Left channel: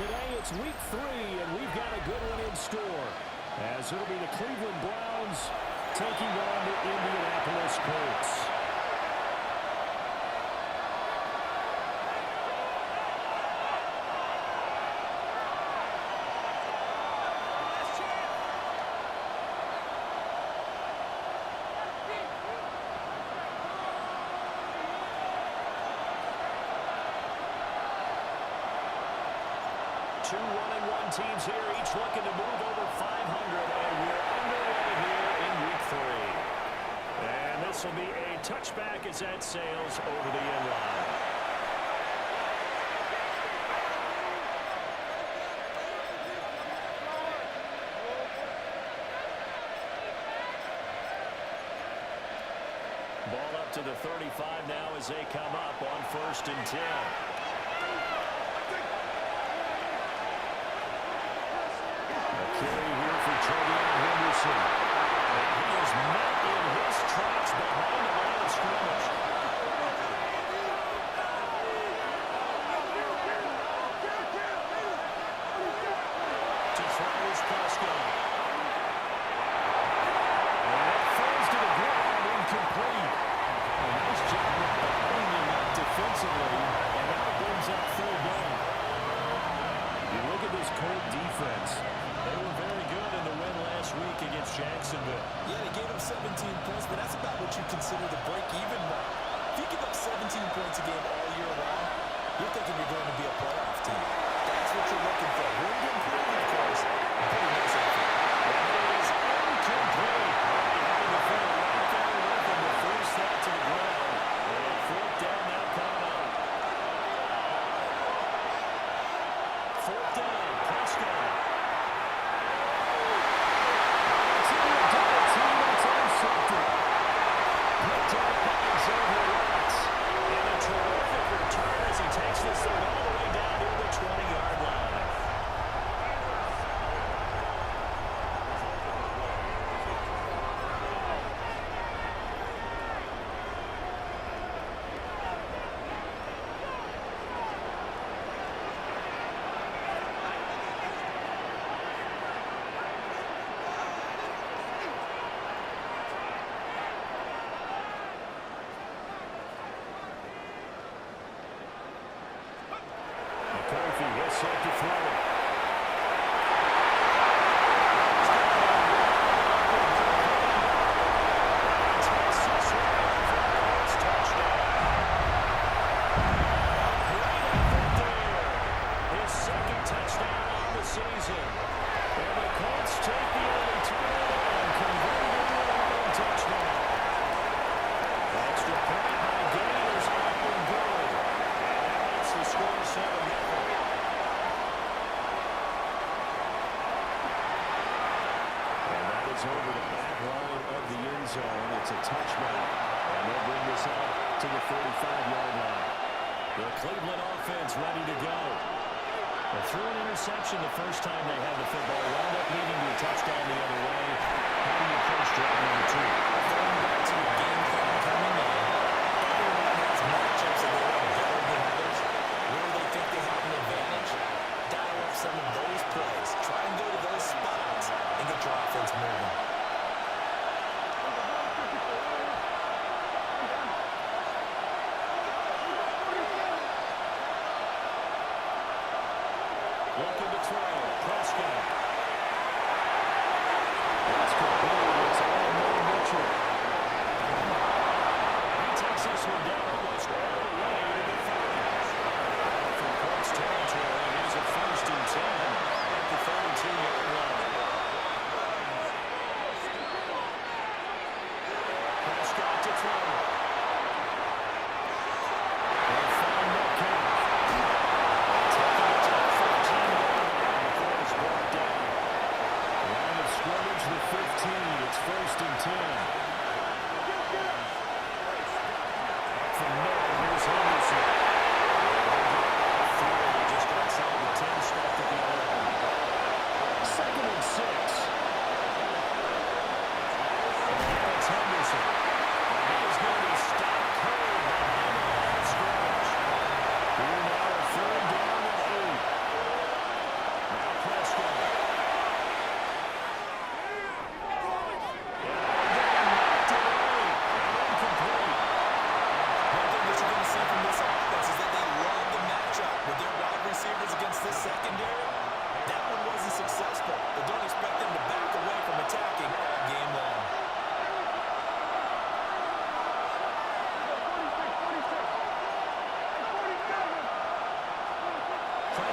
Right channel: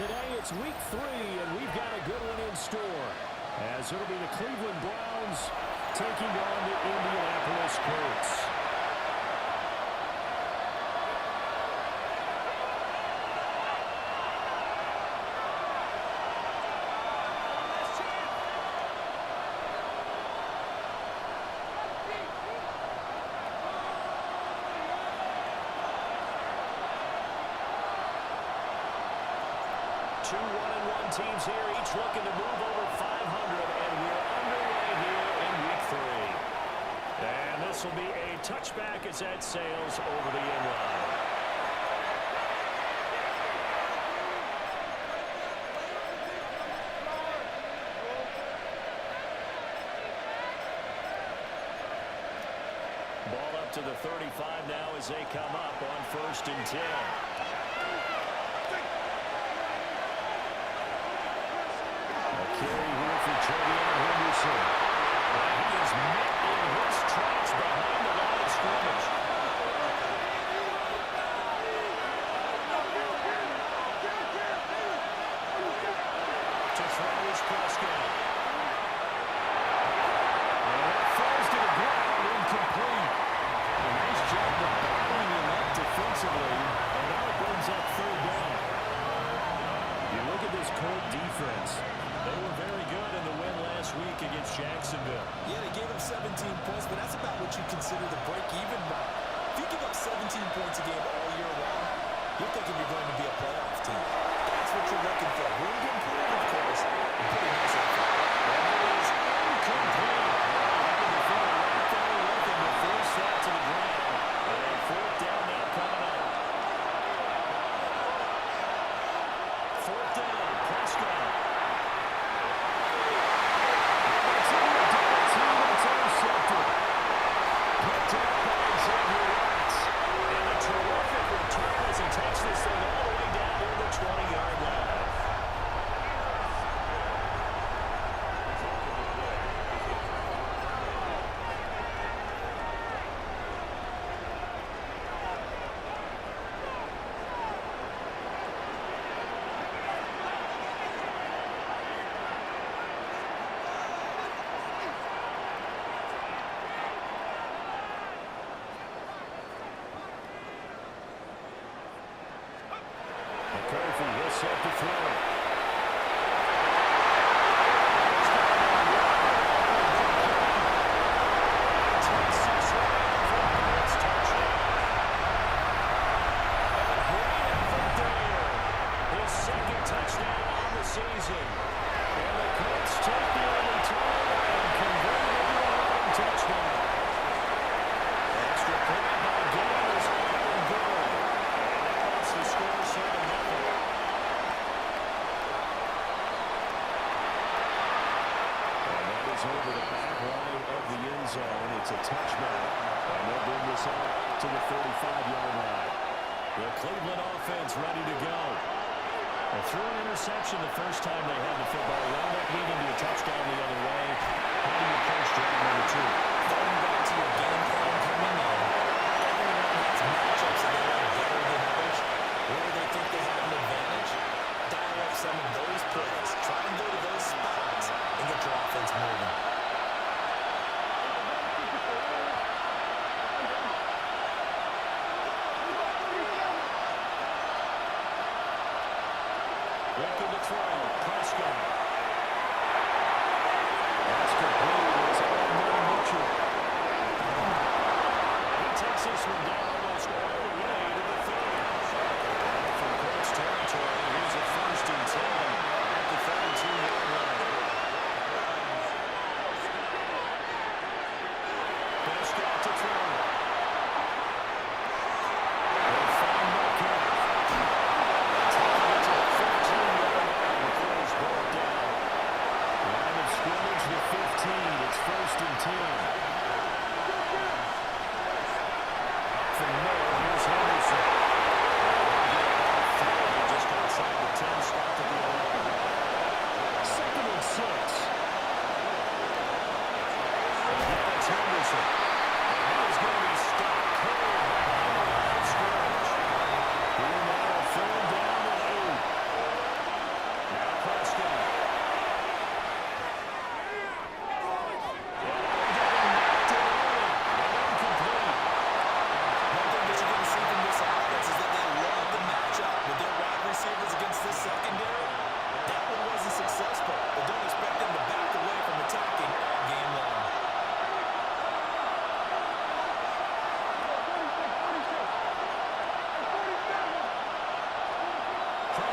today it's week 3, and we've got a good one in store, as it'll be the Cleveland Browns taking on the Indianapolis Colts. Two 1-1 teams here, each looking to move over 500, and we're underway here in week 3. And this will be a touchback as that sails over the end line. Ball up to the 35 now as they come up on 1st and 10. Carry here for Trevion Henderson. And he is met in his tracks behind the line of scrimmage. To throw is Prescott. And it falls to the ground, incomplete. A nice job of bottling him up defensively, and now it brings up 3rd down. You look at this Colt defense. They were very good in the win last week against Jacksonville. Yeah, they gave up 17 points, but that's about what you consider the break-even mark. If you give up 17 points a game all year long, you're thinking you're going to be a playoff team. That's what you're looking for. Room to improve, of course. Pretty nice effort. And it is incomplete. Having the defender right there with him to force that to the ground. And 4th down now coming up. 4th down, Prescott. Picked up by Xavier Watts. And a terrific return as he takes this thing all the way down to the 20-yard line. McCarthy, he'll set to throw. Touchdown on the season. And the Colts take the early turnover and convert it into an opening touchdown. The extra point by Gay is up and good. And that makes the score 7-0. And that is over the back line of the end zone. It's a touchback. And they'll bring this out to the 35-yard line. The Cleveland offense ready to go. And threw an interception the first time they had the football, wound up leading to a touchdown the other way. How do you approach drive number 2? Going back to your game plan coming in, everyone has matchups that they like better than others. Where they think they have an advantage, dial up some of those plays. Try and go to those spots and get your offense moving. Looking to throw, Prescott. That's complete. It's Adonai Mitchell. And he takes this one down almost all the way to the 30. From Colts territory, here's a 1st and 10 at the 32-yard line. Prescott to throw. They'll find Metcalf. Taking it to the 15-yard line before it's brought down. Line of scrimmage, the 15. It's 1st and 10. Up the middle, here's Henderson. And we'll get about 3 just outside the 10, stopped at the 11. 2nd and 6. Again, it's Henderson. And he is going to be stopped cold behind the line of scrimmage. Here now, 3rd down and 8.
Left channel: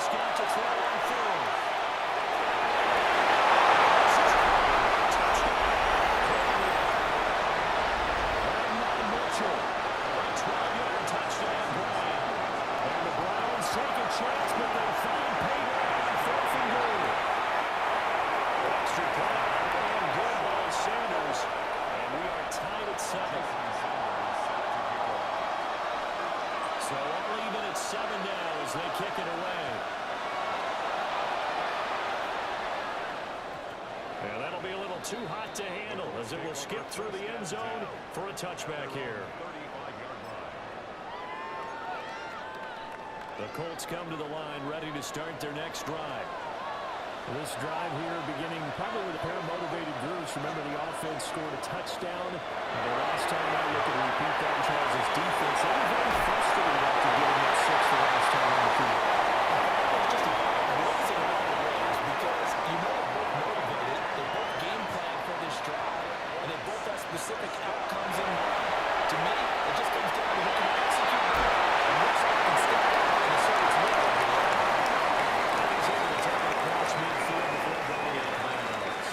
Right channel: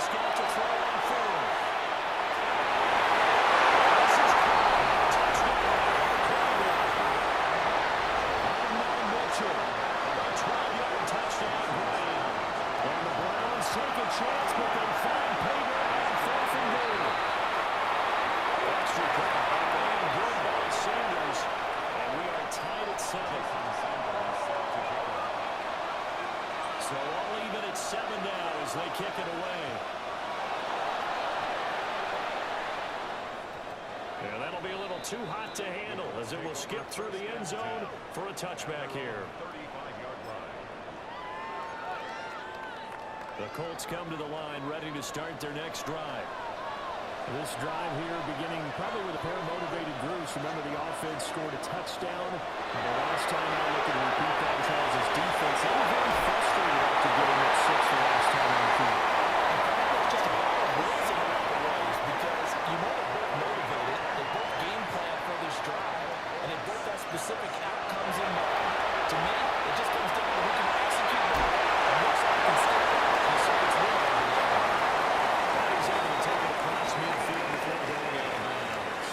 Prescott to throw on fourth. Mitchell, a 12-yard touchdown ground. And the Browns take a chance, but they find Pater on fourth and goal. Extra point up and good by Sanders. And we are tied at 7. So all even at 7 now as they kick it away. And that'll be a little too hot to handle as it will skip through the end zone for a touchback here. 35-yard line. The Colts come to the line ready to start their next drive. This drive here beginning probably with a pair of motivated groups. Remember, the offense scored a touchdown. The last time I look at repeat that, Charles' defense, they were very frustrated after giving up 6 the last time on the field. In fact, it was just a battle of wills in a lot of ways because you know they're both motivated, they both game plan for this drive, and they both have specific outcomes in mind. To me, it just comes down to who can execute better and which side can step up and assert its will over the other. And he's able to take it across midfield before going out of bounds.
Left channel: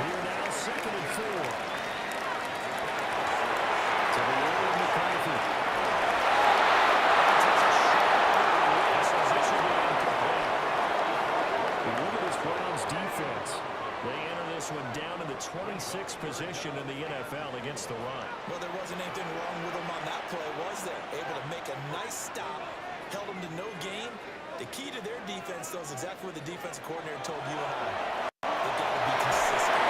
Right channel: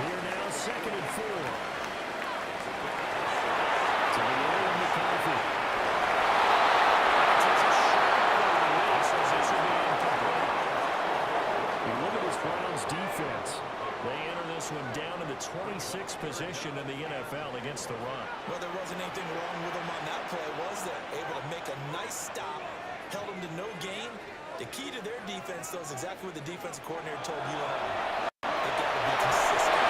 Here now, 2nd and 4. To the air of McCarthy. Takes a shot over the wrist. This will be incomplete. You look at this Browns defense. They enter this one down in the 26th position in the NFL against the run. Well, there wasn't anything wrong with them on that play, was there? Able to make a nice stop, held them to no gain. The key to their defense, though, is exactly what the defensive coordinator told you and I. They got to be consistent.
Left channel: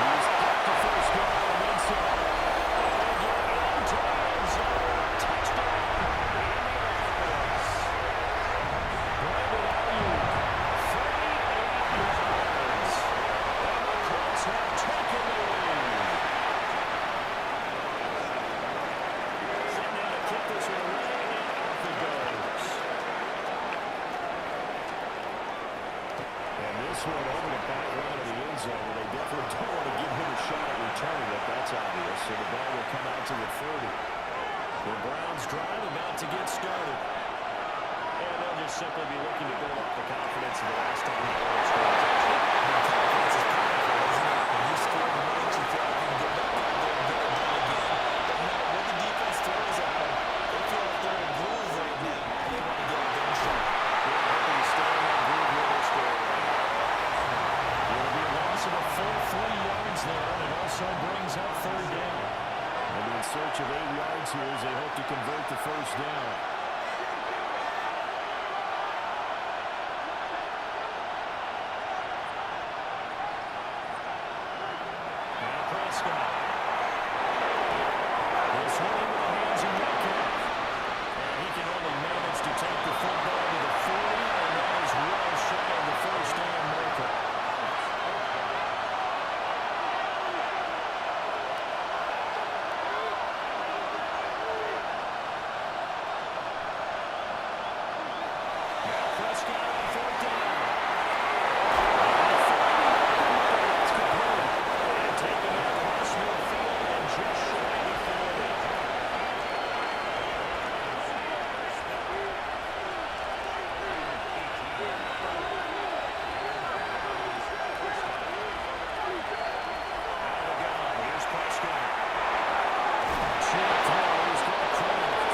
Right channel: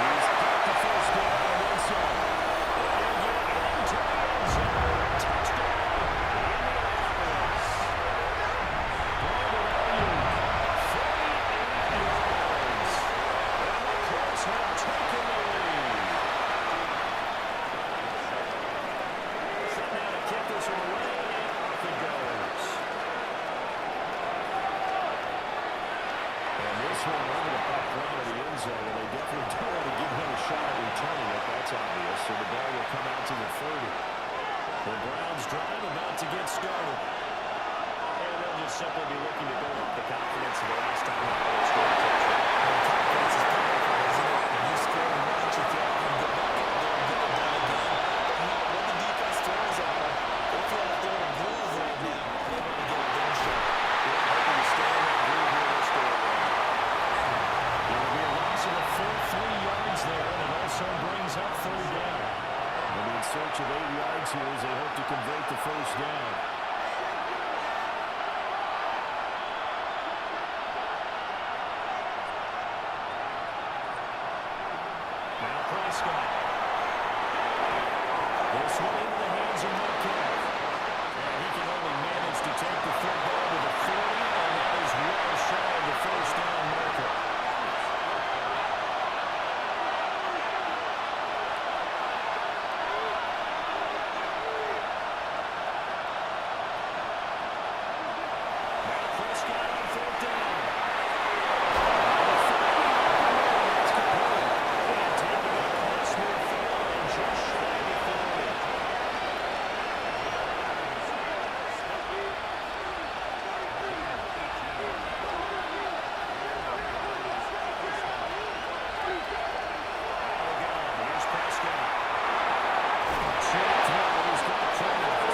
He's got the first down and then some. And get into the end zone. Touchdown, Indianapolis. Brandon Ayuk, 38 yards. And the Colts have taken the lead. Set now to kick this one away, and off it goes. And this one over the back line of the end zone, where they definitely don't want to give him a shot at returning it. That's obvious. So the ball will come out to the 30. The Browns drive about to get started. And they'll just simply be looking to build up the confidence of the last time they scored a touchdown. The confidence is powerful, isn't it? When you score once, you feel like you can go back out there and get it done again. But no matter what the defense throws at them, they feel like they're in a groove right now, and they want to get it done short. They're hoping to stay in that groove here this go around. It will be a loss of a full 3 yards there, and it also brings up 3rd down. They'll be in search of 8 yards here as they hope to convert the first down. Now Prescott. This one into the hands of Metcalf. And he can only manage to take the football to the 40, and that is well shy of the first down marker. Now Prescott on 4th down. And finding open man, that's complete. And taking it across midfield and just shy of 40. Here's Prescott. Short throws, got Kraft.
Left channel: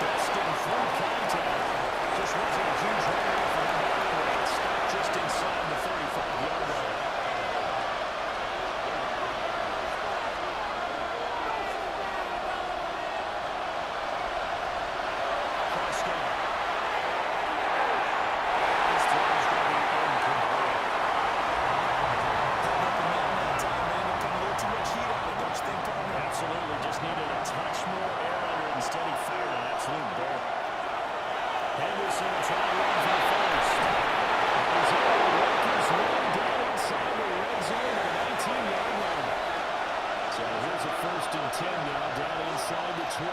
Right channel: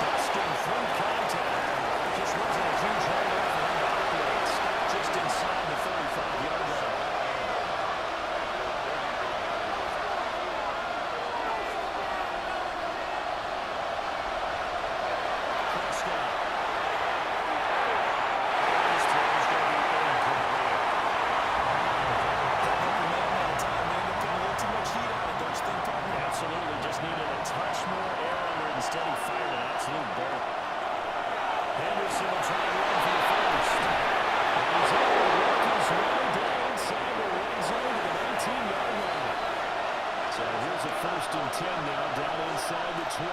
Busting through contact. Just wasn't a huge hole there for him to operate. Stopped just inside the 35-yard line. Prescott. This throw is going to be incomplete. That open man that time ended up putting a little too much heat on it, don't you think, partner? Absolutely, just needed a touch more air under it. Instead, he fired an absolute bolt. Henderson will try and run for the first. And he's able to work his way down inside the red zone to the 19-yard line. So here's a 1st and 10 now, down inside the 20.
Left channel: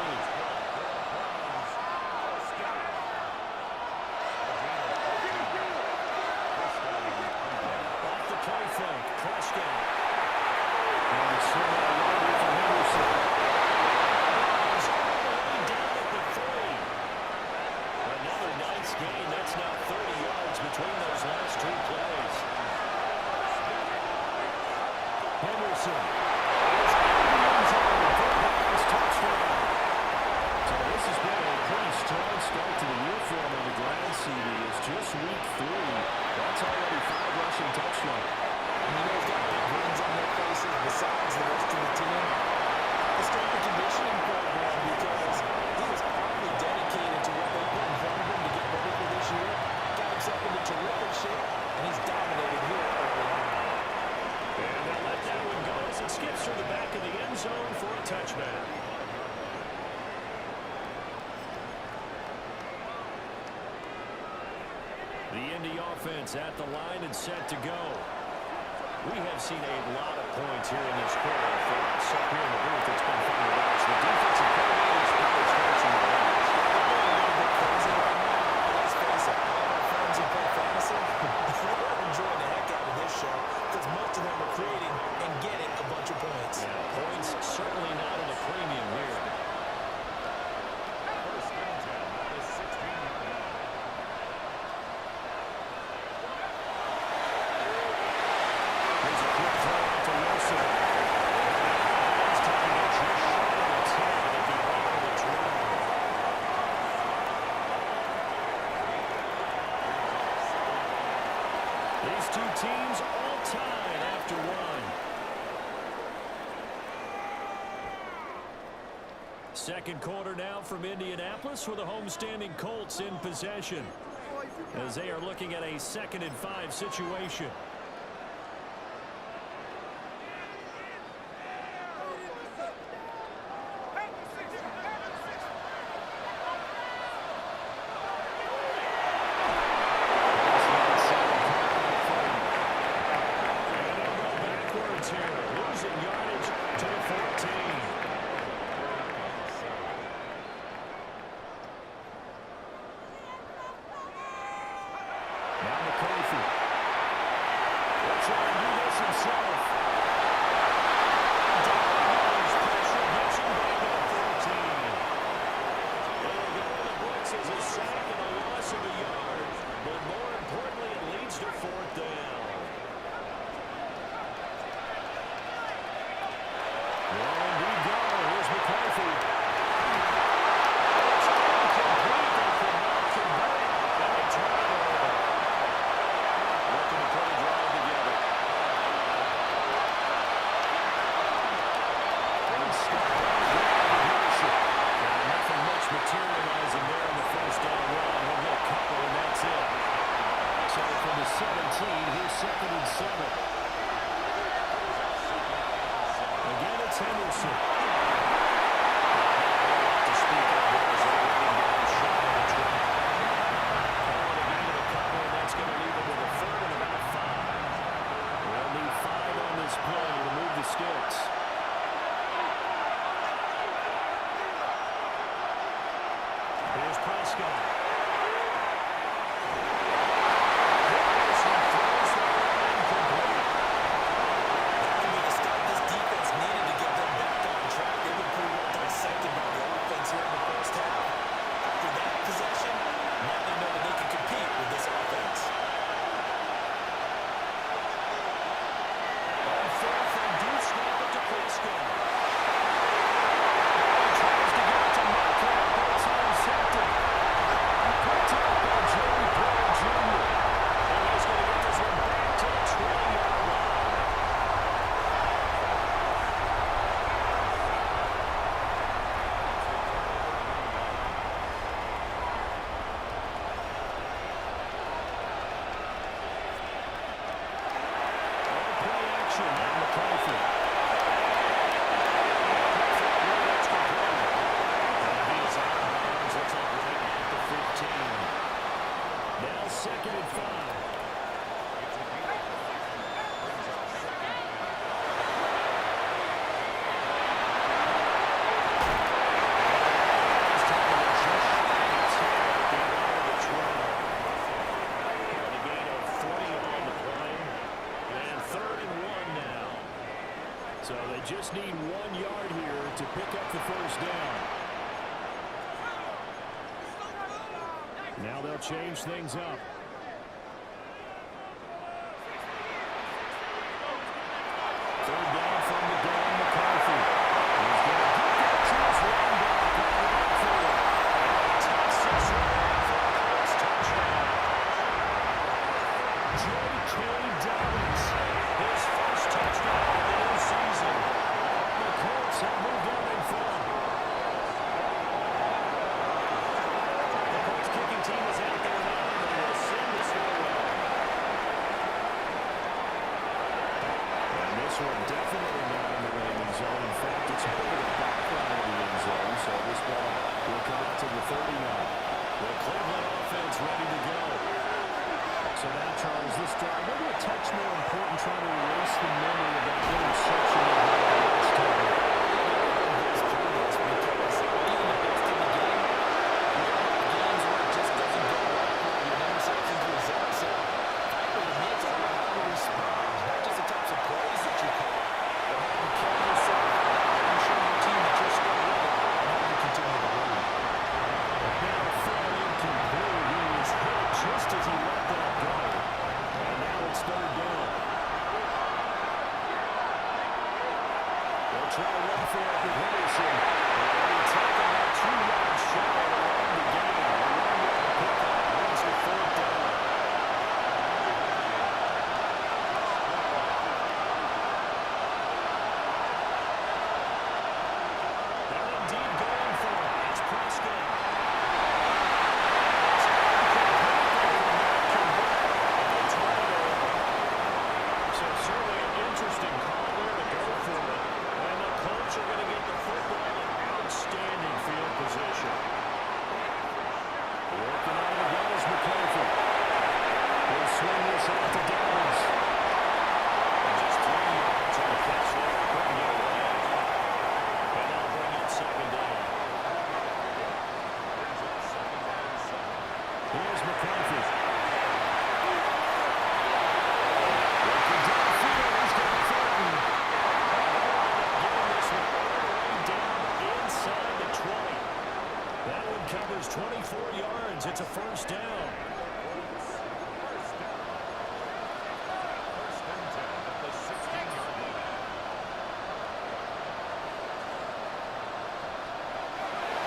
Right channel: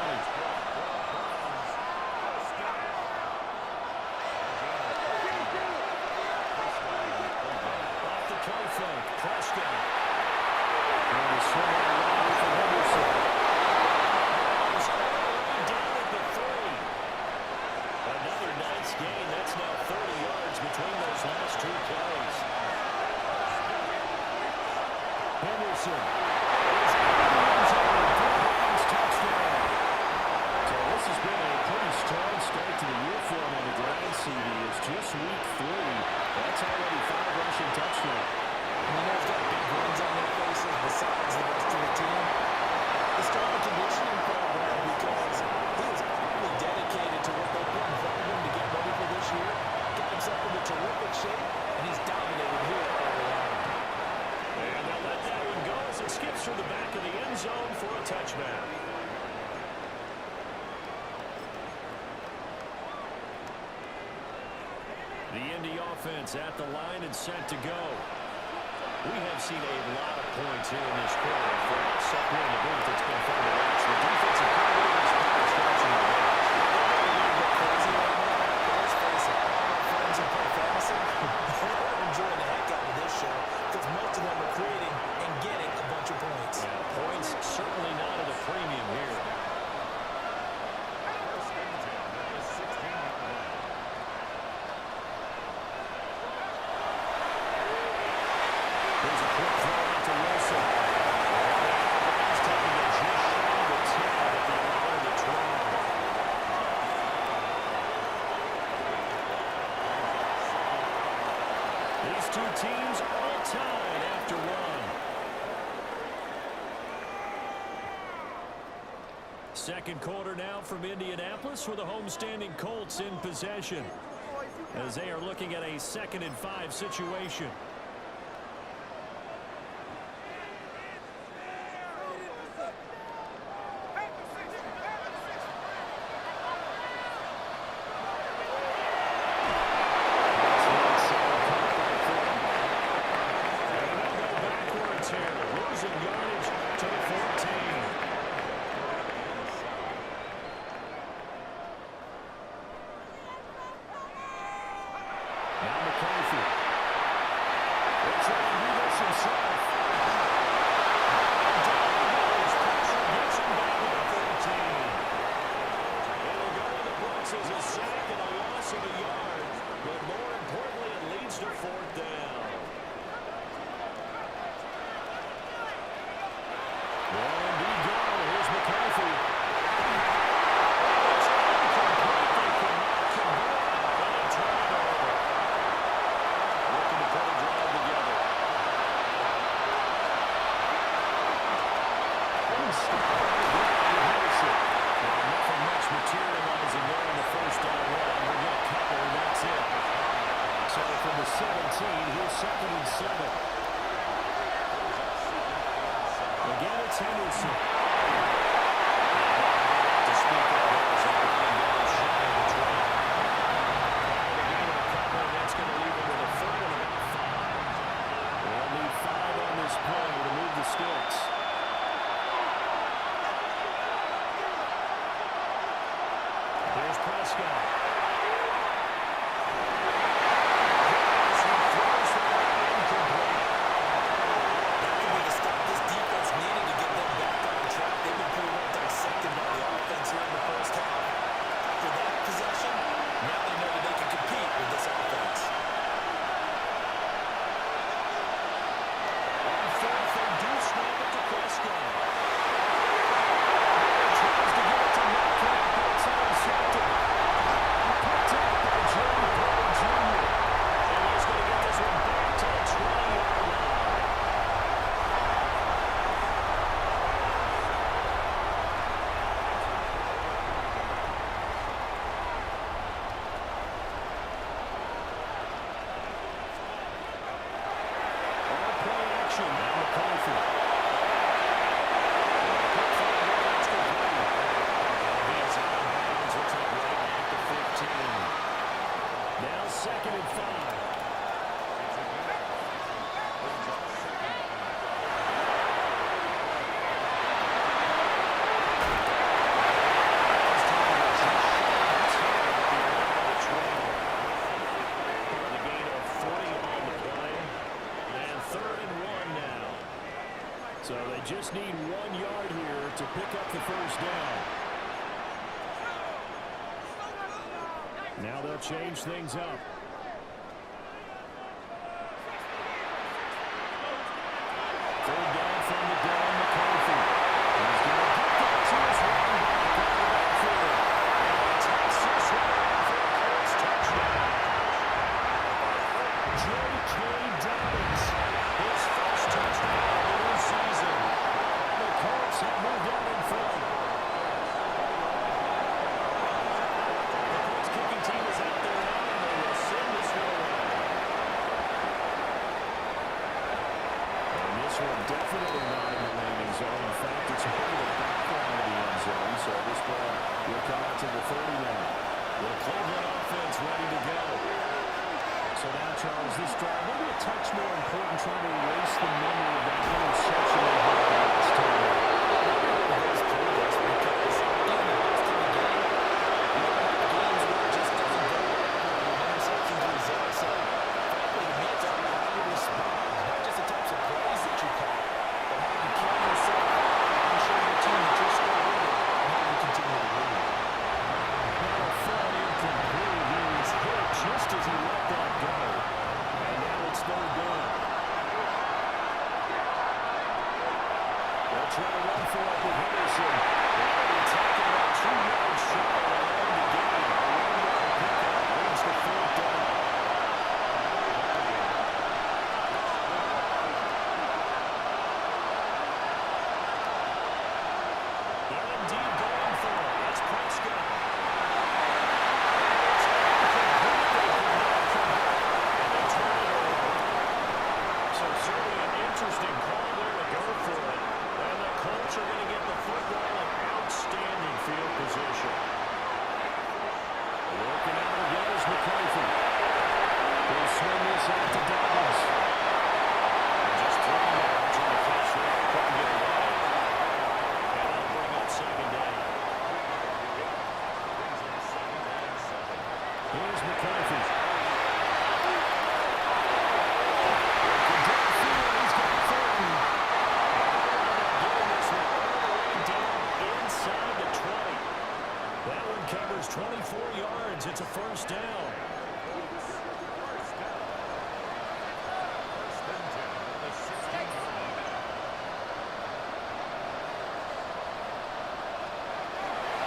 Off the play fake, Prescott. And the swing out longer for Henderson. He's all the way down at the 3. skips through the back of the end zone for a touchback. The Indy offense at the line and set to go. We have seen a lot of points here in this quarter. For us up here in the booth, it's been fun to watch. The defensive coordinator's probably scratching their heads. They're a little bit crazy right now, but let's face it, all our friends who play fantasy, they're enjoying the heck out of this show because most of them are creating and getting a bunch of points. Yeah, points certainly not at a premium here. First and 10 at the 16-yard line. Here's a quick throw out to Wilson. He's taking it just shy of the 10 at the 11 of the 12. These two teams all tied after one. Second quarter now from Indianapolis with the homestanding Colts in possession as they are looking at a 2nd and 5 situation. Losing yardage to the 14. Now McCarthy. He'll try and do this himself. And down he goes. Pressure gets him back at the 14. It'll go in the books as a sack and a loss of a yard. But more importantly, it leads to 4th down. Well, indeed go. Here's McCarthy. It's incomplete. They could not convert, and they turn it over. Looking to put a drive together. And stop on the ground with Henderson. And nothing much materializing there in the first down run. We'll get a couple, and that's it. So from the 17, here's 2nd and 7. Again, it's Henderson. Not to speak of there as they bring him down shy of the 12. Call the gain of a couple, and that's going to leave him with a 3rd and about 5. They'll need 5 on this play to move the sticks. Here's Prescott. Here in the first half. After that possession, now they know that they can compete with this offense. On 4th, they do snap it to Prescott. He tries to get it to Metcalf, but it's intercepted. Picked up by Joey Porter Jr. And he's going to get this one back to the 20-yard line. Now McCarthy. That's complete. And he is out of bounds. Looks like right at the 15. Now 2nd and 5. It's a gain of 5. Brings up 2nd and 5. He's taking it just shy of the 10 at the 11 of the 12. And a gain of 40 on the play. And 3rd and 1 now. So they just need 1 yard here to pick up the first down. Now they'll change things up. 3rd down from the gun, McCarthy. He's going to get that to his running back on the backfield. And he takes this one for a Colts touchdown. J.K. Dobbins, his first touchdown of the new season. And the Colts have moved out in front. The Colts kicking team is out there now, and they will send this one away. And this one definitely not in the We'll come out to the 30 now. The Cleveland offense ready to go. So now, Charles, this drive, maybe a touch more important, trying to erase the memory of that interception they had the last time. Goes through this because even the best in the game, you're going to have games where it just doesn't go well for you, and interceptions result. So, frankly, to me, it's all about how you respond, not just the types of plays that you call, but how you carry yourself, how you show your team that you're still with it, and how you continue to lead. Now a throw incomplete. He was hit just as he let that go. And now it's third down. They'll try to run for it with Henderson. And he tackled that 2-yard shot and end the game. A 1-yard pickup leads to fourth down. They're indeed going for it. It's Prescott. It's incomplete. They cannot convert, and they turn it over. So certainly an interesting call there to go for it. And the Colts are going to get the football in outstanding field position. Working out again is McCarthy. He'll swing this out to Dobbins. And just 3 yards on the catch there. Couldn't get away. And that'll bring up second down. Brings up second and 7. Here's McCarthy. Working downfield. He's got Thornton. And they'll end up getting this one all the way down inside the 20. That one covers 24 yards. It's a first down. First down. First and 10 at the 16-yard line.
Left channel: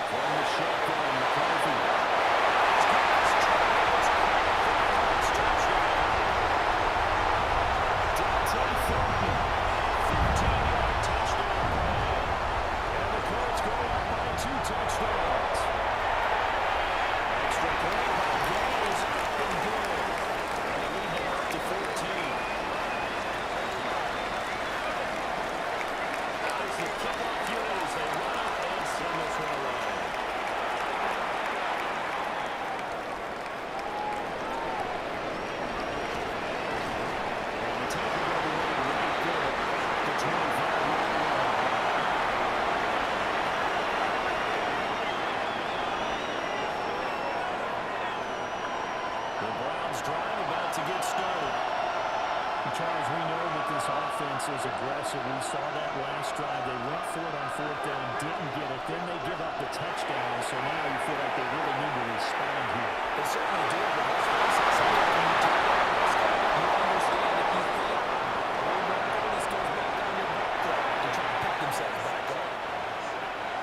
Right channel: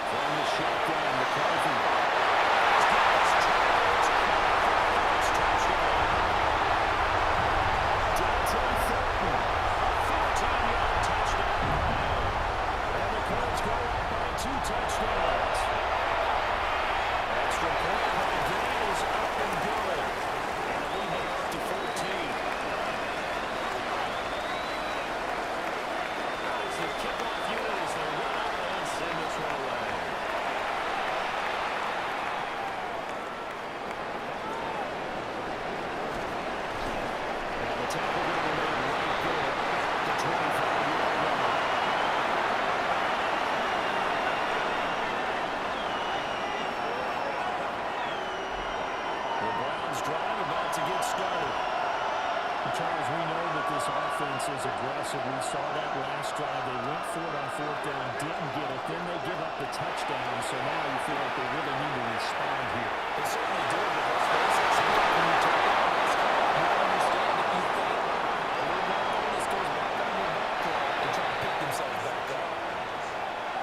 From the shotgun, McCarthy. Dante Thornton, 15-yard touchdown grab. And the Colts go up by 2 touchdowns. Extra point by Gay is up and good. And the lead now up to 14. Out is the kickoff unit as they run up and send this one away. And the tackle going to be made right there at the 25-yard line. The Browns drive about to get started. Charles, we know that this offense is aggressive. We saw that last drive. They went for it on fourth down, didn't get it. Then they give up the touchdown. So now you feel like they really need to respond here. They certainly do, but let's face it, sometimes when you take that risk, you understand if you fail, a little bit of bonus goes back on your back to try to pick themselves back up.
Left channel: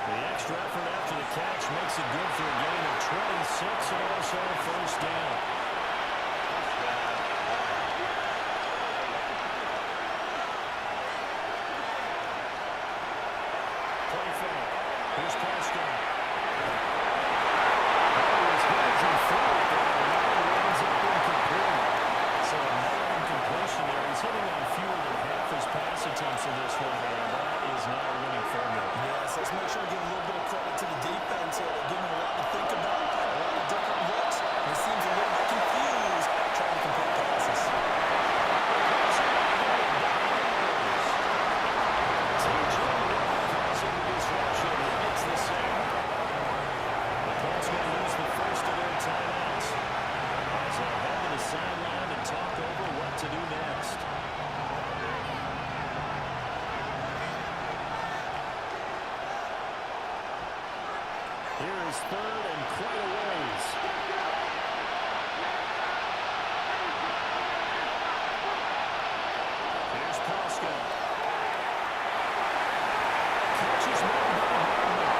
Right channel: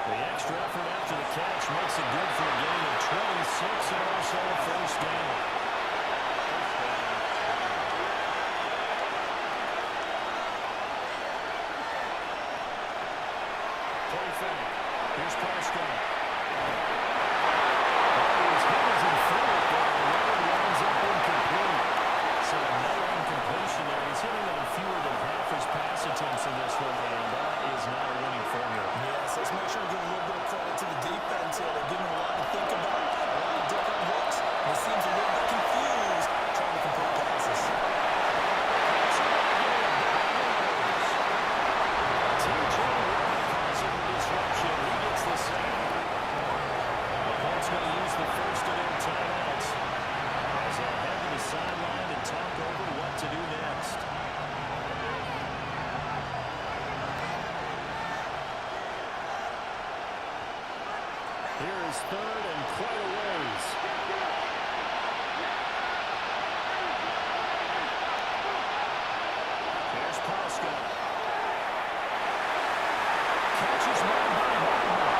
The extra effort after the catch makes it good for a gain of 26 and also a first down. First down. Play fake. Here's Prescott. He was hit as he threw it there, and that one winds up incomplete. So another incompletion there. He's hitting on fewer than half his pass attempts in this one, and that is not a winning formula. Yes, let's make sure we give a little bit of credit to the defense here. They're giving him a lot to think about, a lot of different looks, and he seems a little bit confused trying to complete passes. T.J. Watt causing the disruption. He gets the sack. The Colts going to use the first of their timeouts as they head to the sideline and talk over what to do next. Here is third and quite a ways. Here's Prescott. Catches one by Hardman.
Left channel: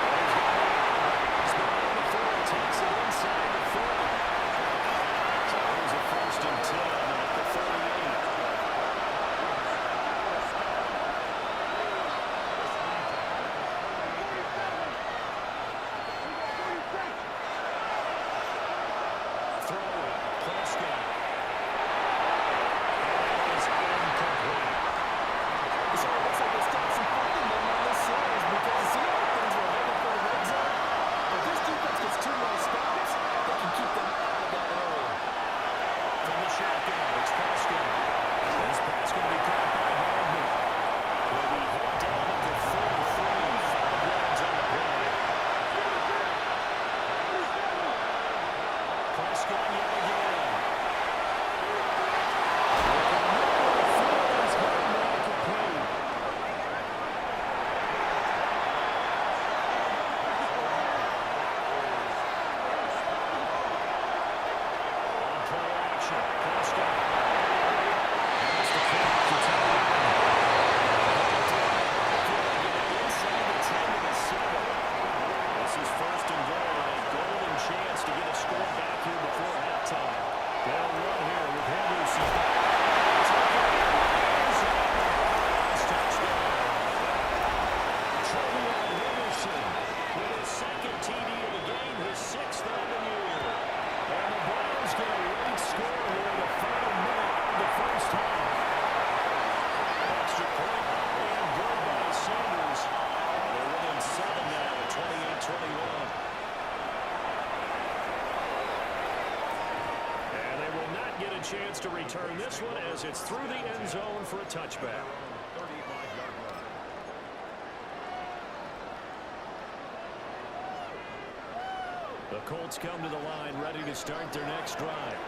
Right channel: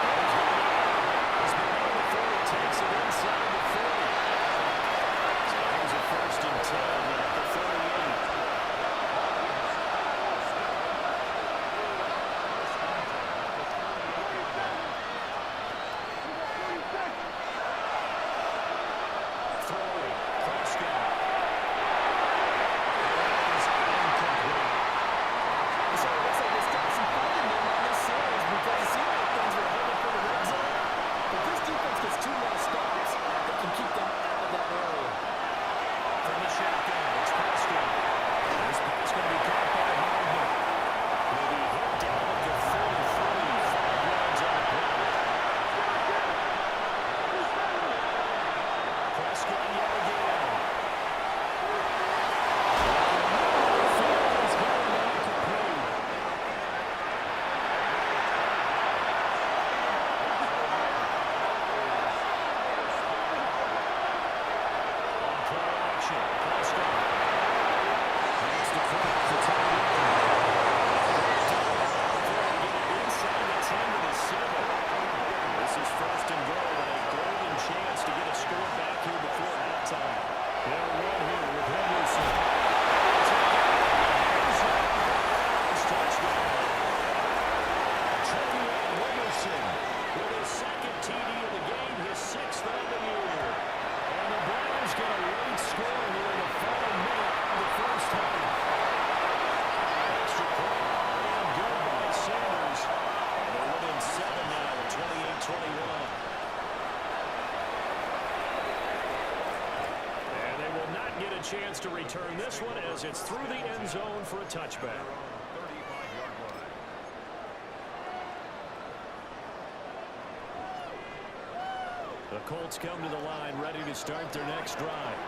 And he's going to be out of bounds, but not before he takes it inside the 40. So here's a first and 10 at the 38. Throwing, Prescott. And that is incomplete. So it looks like they still have some fight in them on this series, to clean up the tight end. Down before they get it inside the 10 to the 7. This is first and goal and a golden chance to get a score back here before halftime. They'll run here with Henderson. Touchdown. Trevion Henderson with his second TD of the game, his 6th of the year. And the Browns get a late score here in the final minute of the first half. Extra point and good by Sanders. And they're within 7 now at 28-21. And they will not get a chance to return this one as it's through the end zone for a touchback. 35-yard line. The Colts come to the line ready to start their next drive.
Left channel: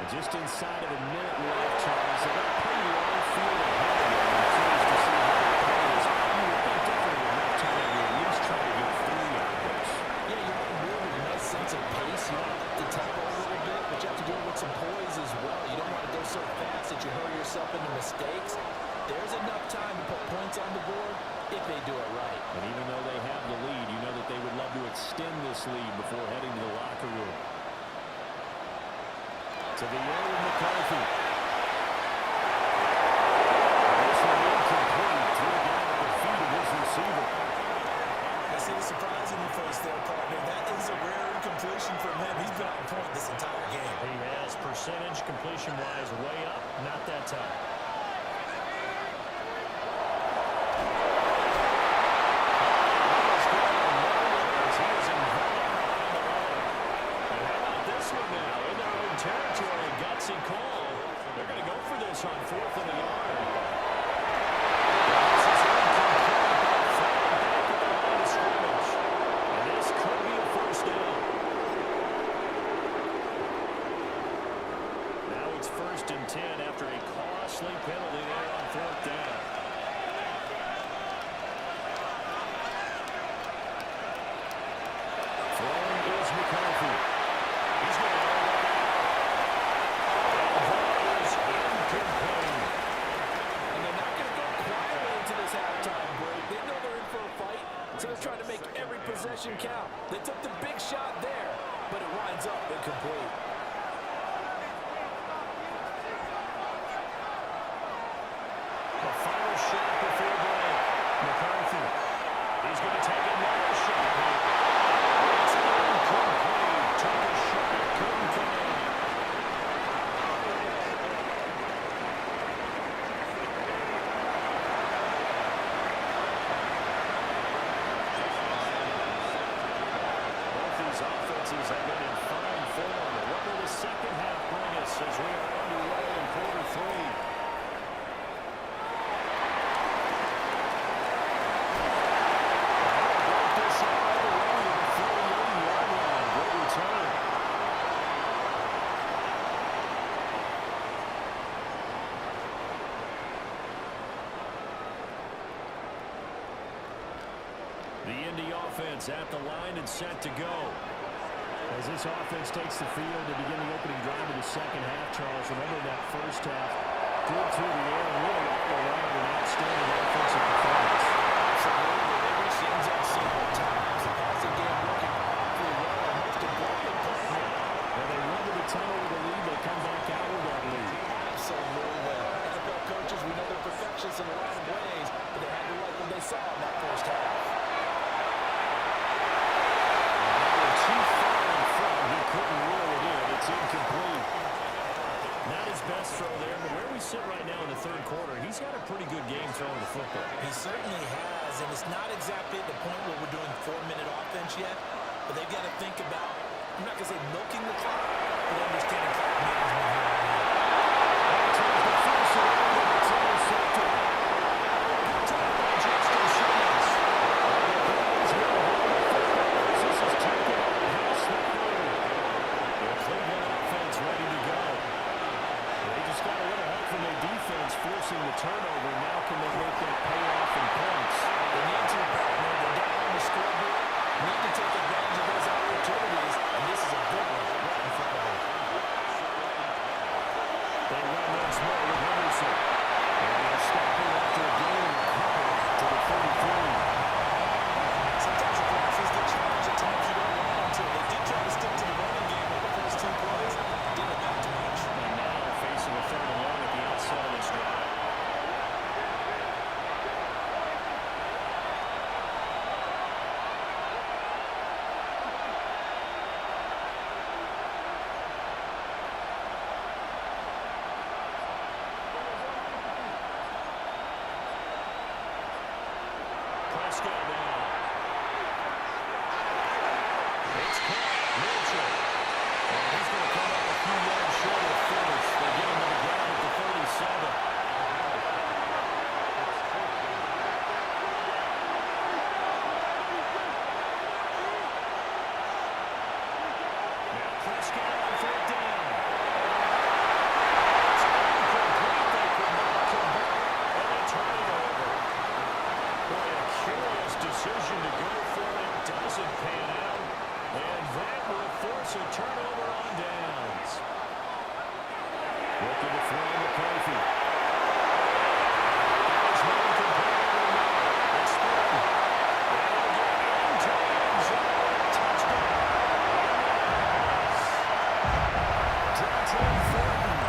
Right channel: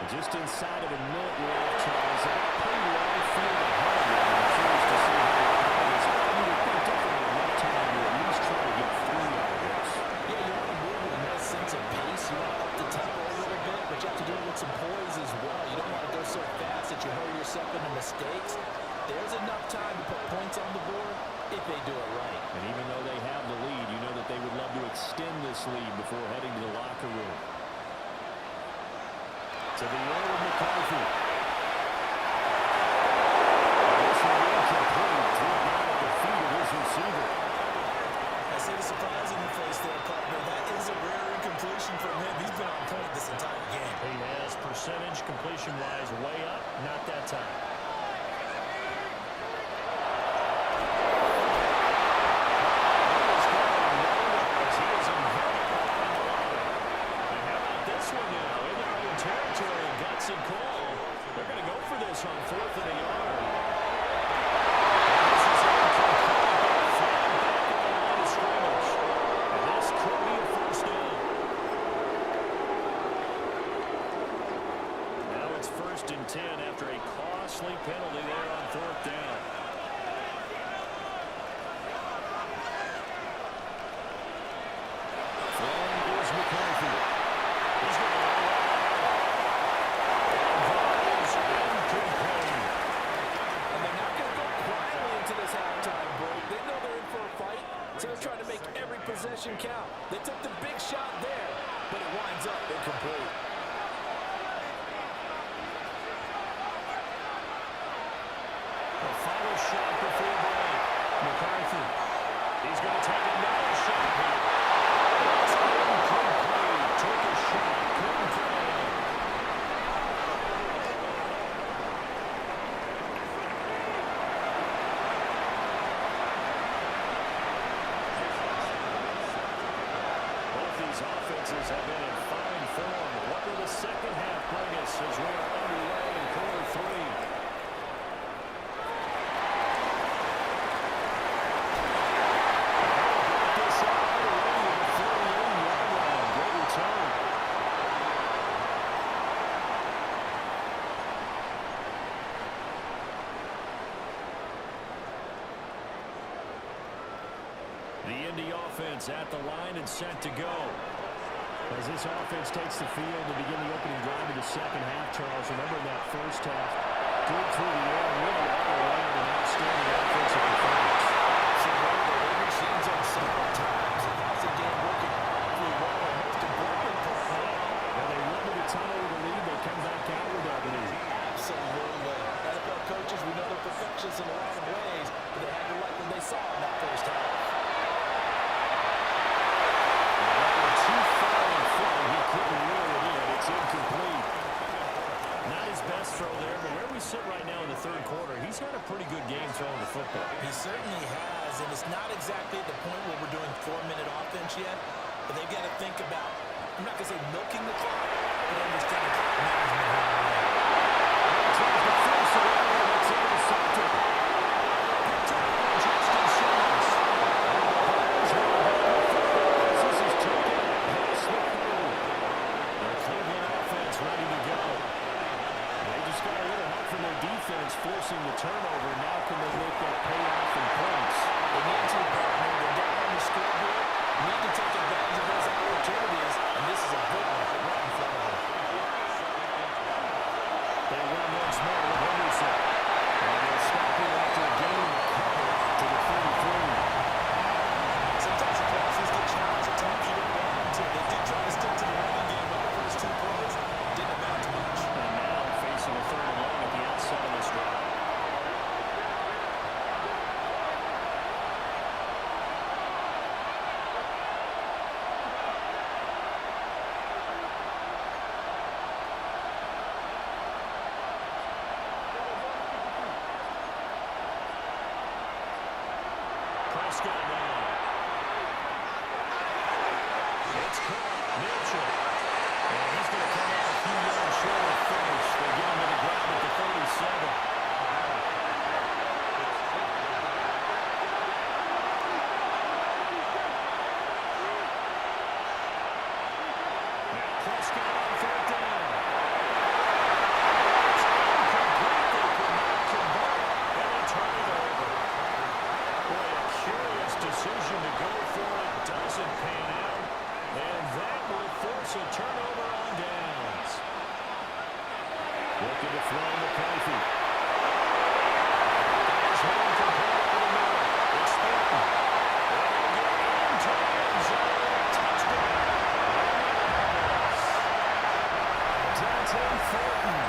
And just inside of a minute left, Charles. They got a pretty long field ahead of them. I'm curious to see how they play this. You would think definitely enough time to at least try to get 3 out of this. Yeah, you want to move with a nice sense of pace. You want to up the tempo a little bit, but you have to do it with some poise as well. You don't want to go so fast that you hurry yourself into mistakes. There's enough time to put points on the board if they do it right. And even though they have the lead, you know that they would love to extend this lead before heading to the locker room. To the air with McCarthy. This one incomplete. Threw down at the feet of his receiver. I see the surprise in your face there, partner. That is a rare incompletion from him. He's been on point this entire game. He has percentage completion-wise way up. Not that time. Territory, a gutsy call. They're going to go for this on 4th and a yard. And this is incomplete, but a flag back at the line of scrimmage. And this could be a first down. Now it's 1st and 10 after a costly penalty there on 4th down. Throwing is McCarthy. He's going to and they're not going to go quietly into this halftime break. They know they're in for a fight, so they're trying to make every possession count. They took the big shot there, but it winds up incomplete. The final shot before break. McCarthy. He's going to take another shot here. It's incomplete. Took a shot. Couldn't connect. These offenses have been in fine form. What will the second half bring us as we are underway in quarter 3? Break this out underway to the 38-yard line. Great return. The Indy offense at the line and set to go. As this offense takes the field to begin the opening drive of the second half, Charles, remember in that first half, good through the air, really all around an outstanding offensive performance. Absolutely. They reached the end zone several times. The passing game working awfully well, and most importantly, And they run to the tunnel with a lead. They come back out with that lead. absolutely. NFL coaches, we know they're perfectionists in a lot of ways, but they had to like what they saw in that first half. Too far in front, he couldn't reel it in. It's incomplete. Not his best throw there, but where we sit right now in the third quarter, he's had a pretty good game throwing the football. He certainly has, and it's not exactly at the point where we're doing 4-minute offense yet, but they've got to think about, I'm not going to say milking the clock, but understanding clock management here. Tries to force it over, and it's intercepted. Picked up by Justin Simmons. And the Browns will hold the football as this is taken out past the 30. The Cleveland offense ready to go. They just got a little help from their defense forcing the turnover. Now can they make that payoff in points? They need to, partner. They're down on the scoreboard. Need to take advantage of those opportunities, and this is a good one right in front of them. They run once more with Henderson. Prescott now. It's caught. Mitchell. And he's going to come up a few yards short of finish. They get him to the ground at the 37. Prescott on fourth down. It's incomplete. They could not convert, and they turn it over. Boy, a curious decision to go for it. Doesn't pan out, and that will force a turnover on downs. Looking to throw McCarthy. There's one complete over the middle. It's Thornton. And it'll get into the end zone. Touchdown. Dante Thornton,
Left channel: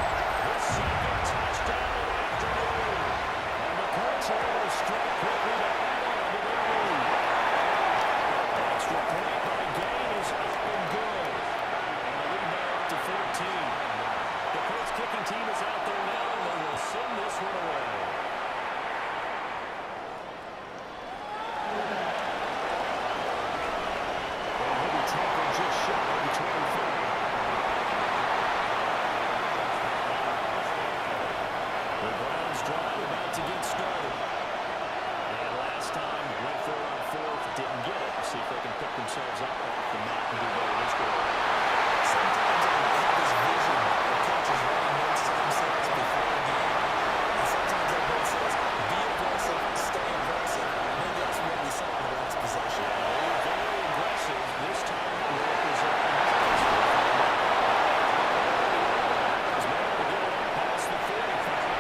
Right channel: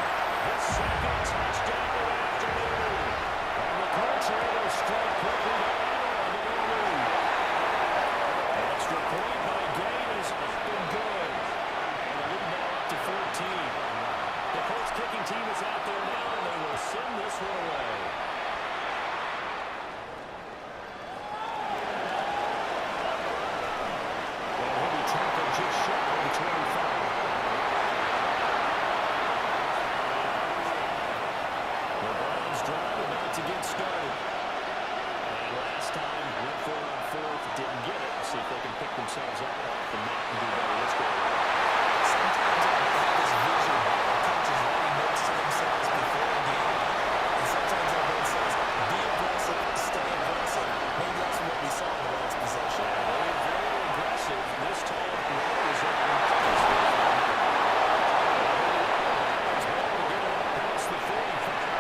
the second touchdown of the afternoon. And the Colts are able to strike quickly to add on to their lead. Extra point by Gay is up and good. And the lead now up to 14. The Colts kicking team is out there now, and they will send this one away. And he'll be tackled just shy of the 25. The Browns drive about to get started. And last time, went for it on fourth, didn't get it. See if they can pick themselves up off the mat and do better this go. Sometimes I have this vision of coaches writing notes to themselves before a game. And sometimes everyone says, be aggressive, stay aggressive. Maybe that's what we saw in the last possession. Yeah, they were very aggressive. This time, it was open place. Alabama's been able to get it up past the 45.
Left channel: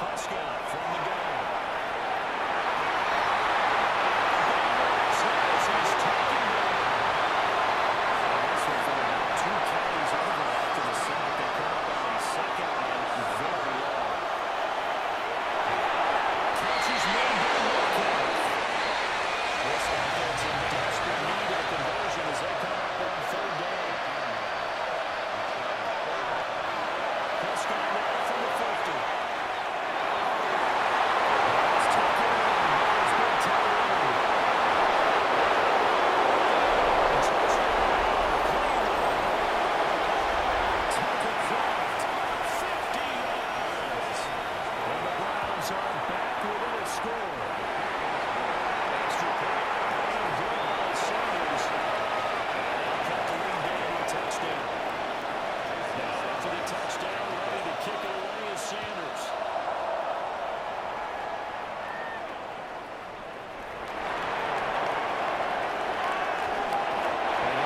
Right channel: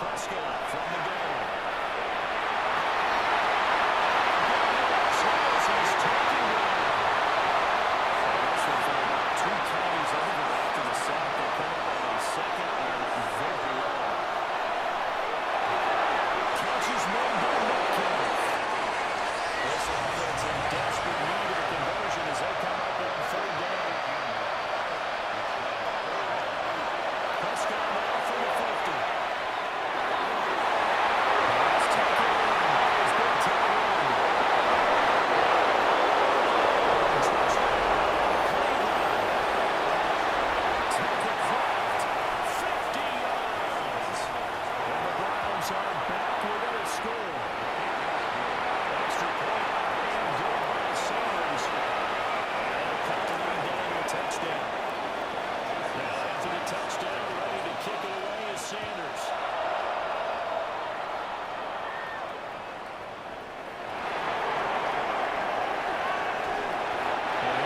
Prescott from the gun. He's taken down. And this one from about 2 carries over after the sack. They come up on a second and very long. Catch is made by Metcalf. This offense in desperate need of a conversion as they come up on third down. Prescott now from the 50.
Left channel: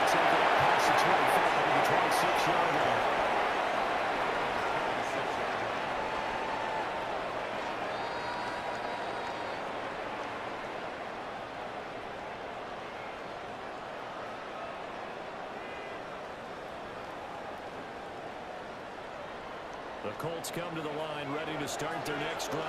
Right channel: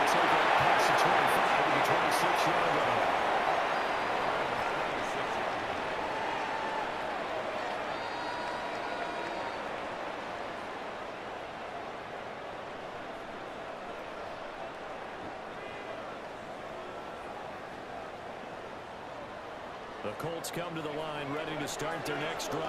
Take it up past the 25 to the 26-yard line. The Colts come to the line ready to start their next drive.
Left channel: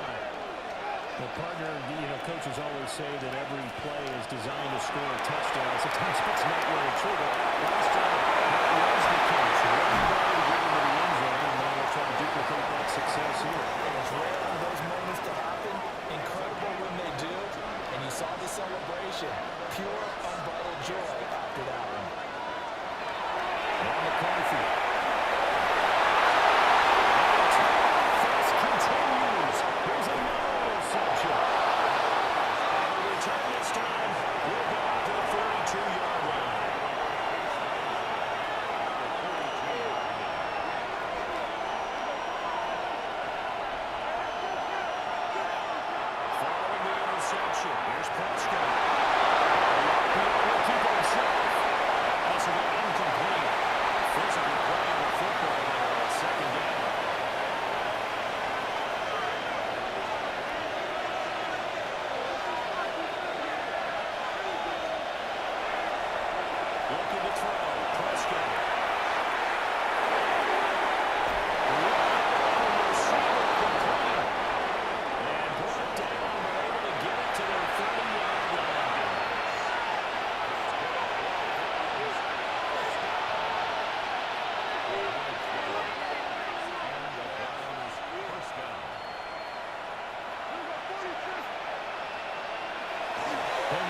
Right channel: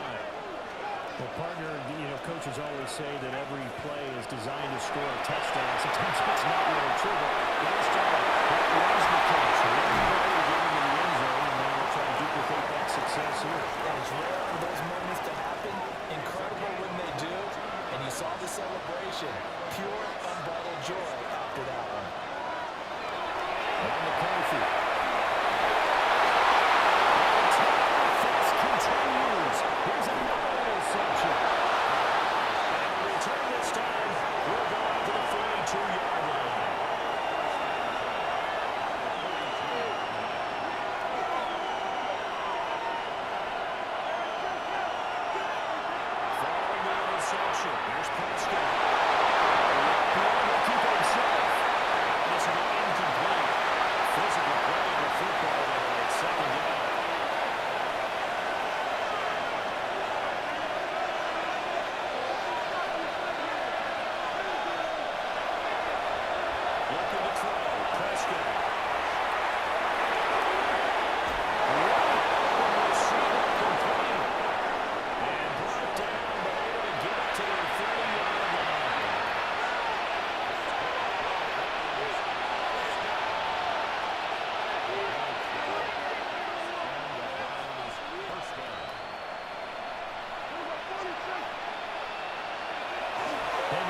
Well, partner, you know, coaches always say that every play is designed to score a touchdown. Sometimes it's not really true, but last time that was the case. One play to get into the end zone, and now they'll try to duplicate that success here. And it's rare for those moments to happen. Incredible when they do. And you saw the celebration. Pure, unbridled joy after that one. Now McCarthy. Offense continues. Here's another interception. And the return this time will go out to the 42-yard line. Following the interception, here's Prescott. He'll keep it himself. This will be incomplete. Physical play on the football there at second down. Looking to throw. Prescott. Open receiver complete. And brought down, but able to get it to their 30-yard line.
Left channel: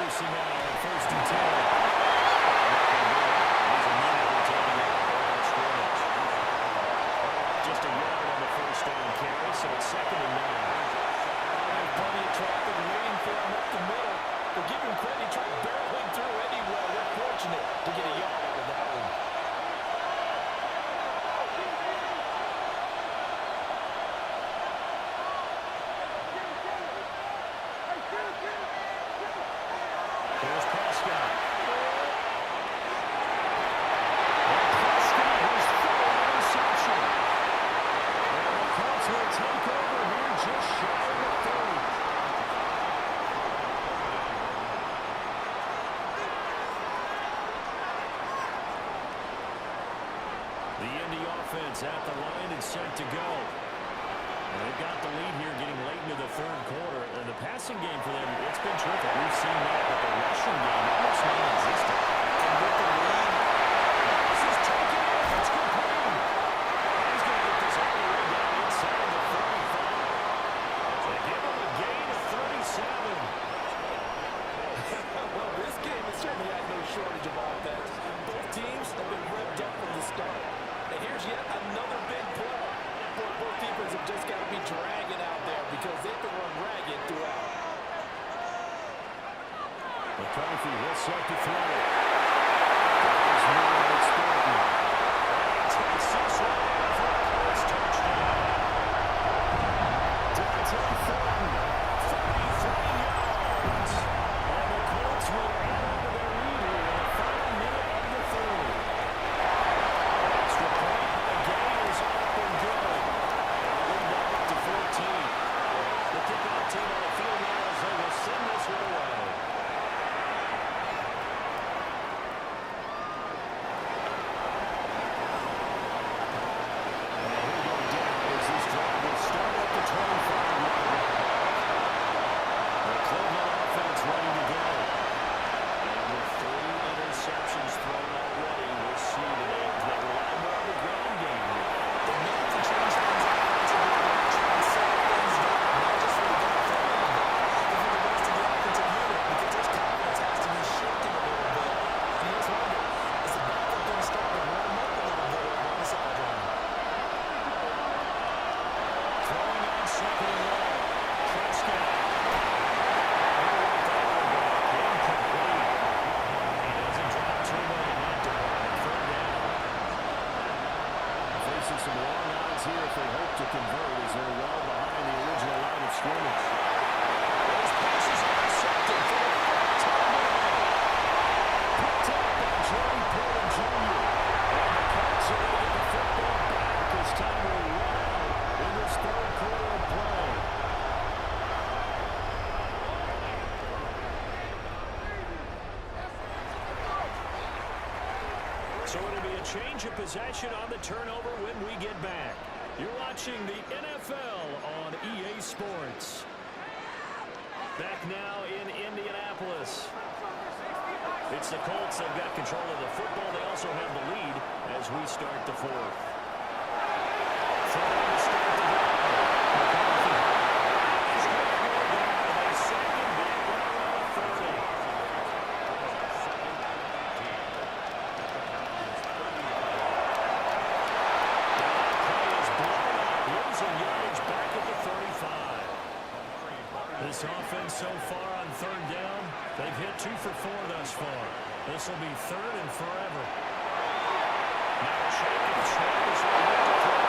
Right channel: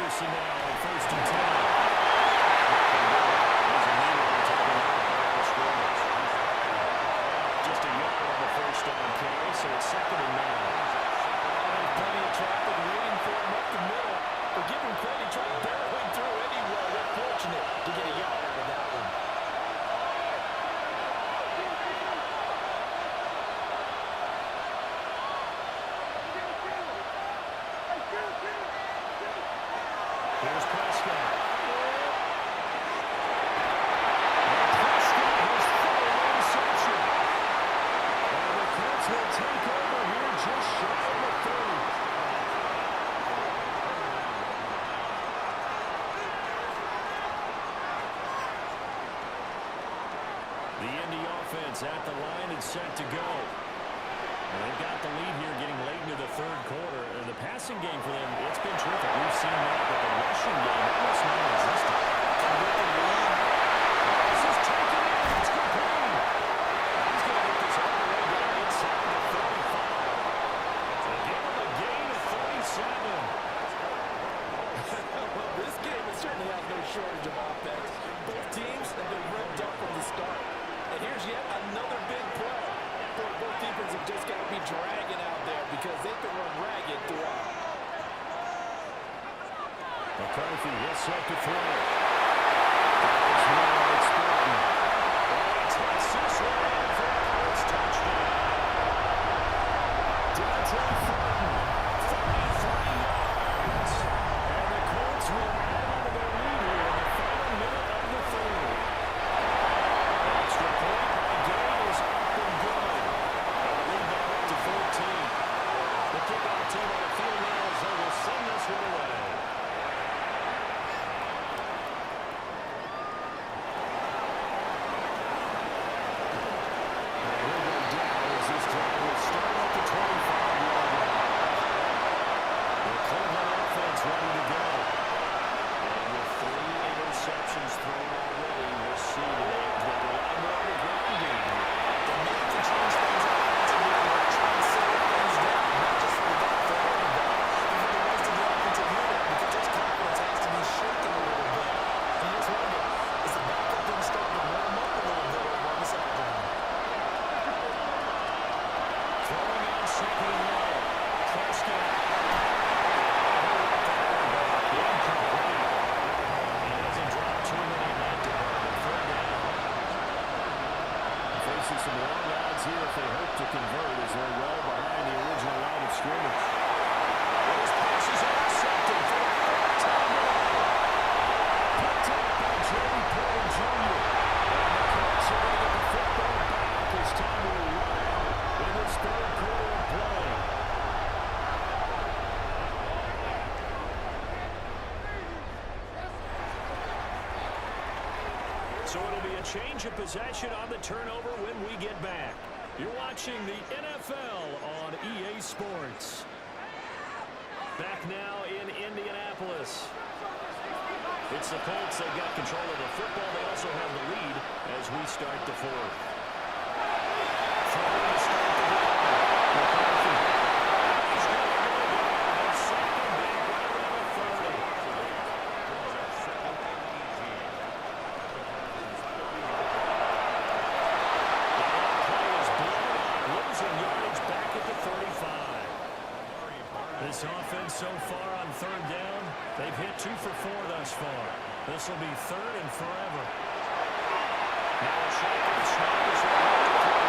Peterson now on 1st and 10. He's immediately taken out the line of scrimmage. Just a yard on the first down carry, so it's 2nd and 9. There's plenty of traffic waiting for him up the middle. But give him credit, he tried barreling through anyway. They're fortunate to get a yard out of that one. Here's Prescott. And Prescott has thrown an interception. And the Colts will take over here just shy of the 30. The Indy offense at the line and set to go. And they've got the lead here getting late into the 3rd quarter. And the passing game for them, it's been terrific. We've seen that, but the rushing game almost non-existent. And with the lead, This is taken in. It's complete. He's going to get this all the way down inside the 35. They give him a gain of 37. well, this game has certainly had no shortage of offense. Both teams have been revved up from the start. And here's yet another big play. Both defenses have just got to be dragging out there because they've been run ragged throughout. McCarthy will set to throw. Guys more expecting. And he takes this one in for a Colts touchdown. Dante Thornton, 33 yards. And the Colts will add on to their lead here in the final minute of the 3rd. An extra point by Gay is up and good. And the lead now up to 14. The kickoff team on the field now as they will send this one away. And he'll go down as this drive will start at the 25-yard line. The Cleveland offense ready to go. And with 3 interceptions thrown already, we'll see today they rely more on the ground game here. They may have to change things offensively to try and settle things down, not just for the guy throwing the ball, but for the rest of the offensive unit, because his confidence has to be shaken a little bit. And you just wonder, is the backup going to start to warm up a little bit over on the sideline? Throwing on 2nd and long. Prescott. He'll let that one back. Incomplete. He doesn't drop too many in that department. 3rd down. Facing some long odds here if they hope to convert as they're well behind the original line of scrimmage. Those passes are intercepted for the 4th time today. Picked up by Joey Porter Jr. And the Colts are going to get the football back as time will run out in this 3rd quarter of play. So it'll be a change of possession on the turnover when we get back. You're watching the NFL on EA Sports. Back now in Indianapolis. It's the Colts. They've got control of the football. They also have the lead as we start the 4th. Throwing to start the drive. McCarthy. He's going to go down. They sack him back right around the 30. That play is blown up. Losing yardage back at the 35. This offense so far on 3rd down, they've hit 2 for 4 thus far. This will be 3rd and forever. Now a shake and snap is right to throw.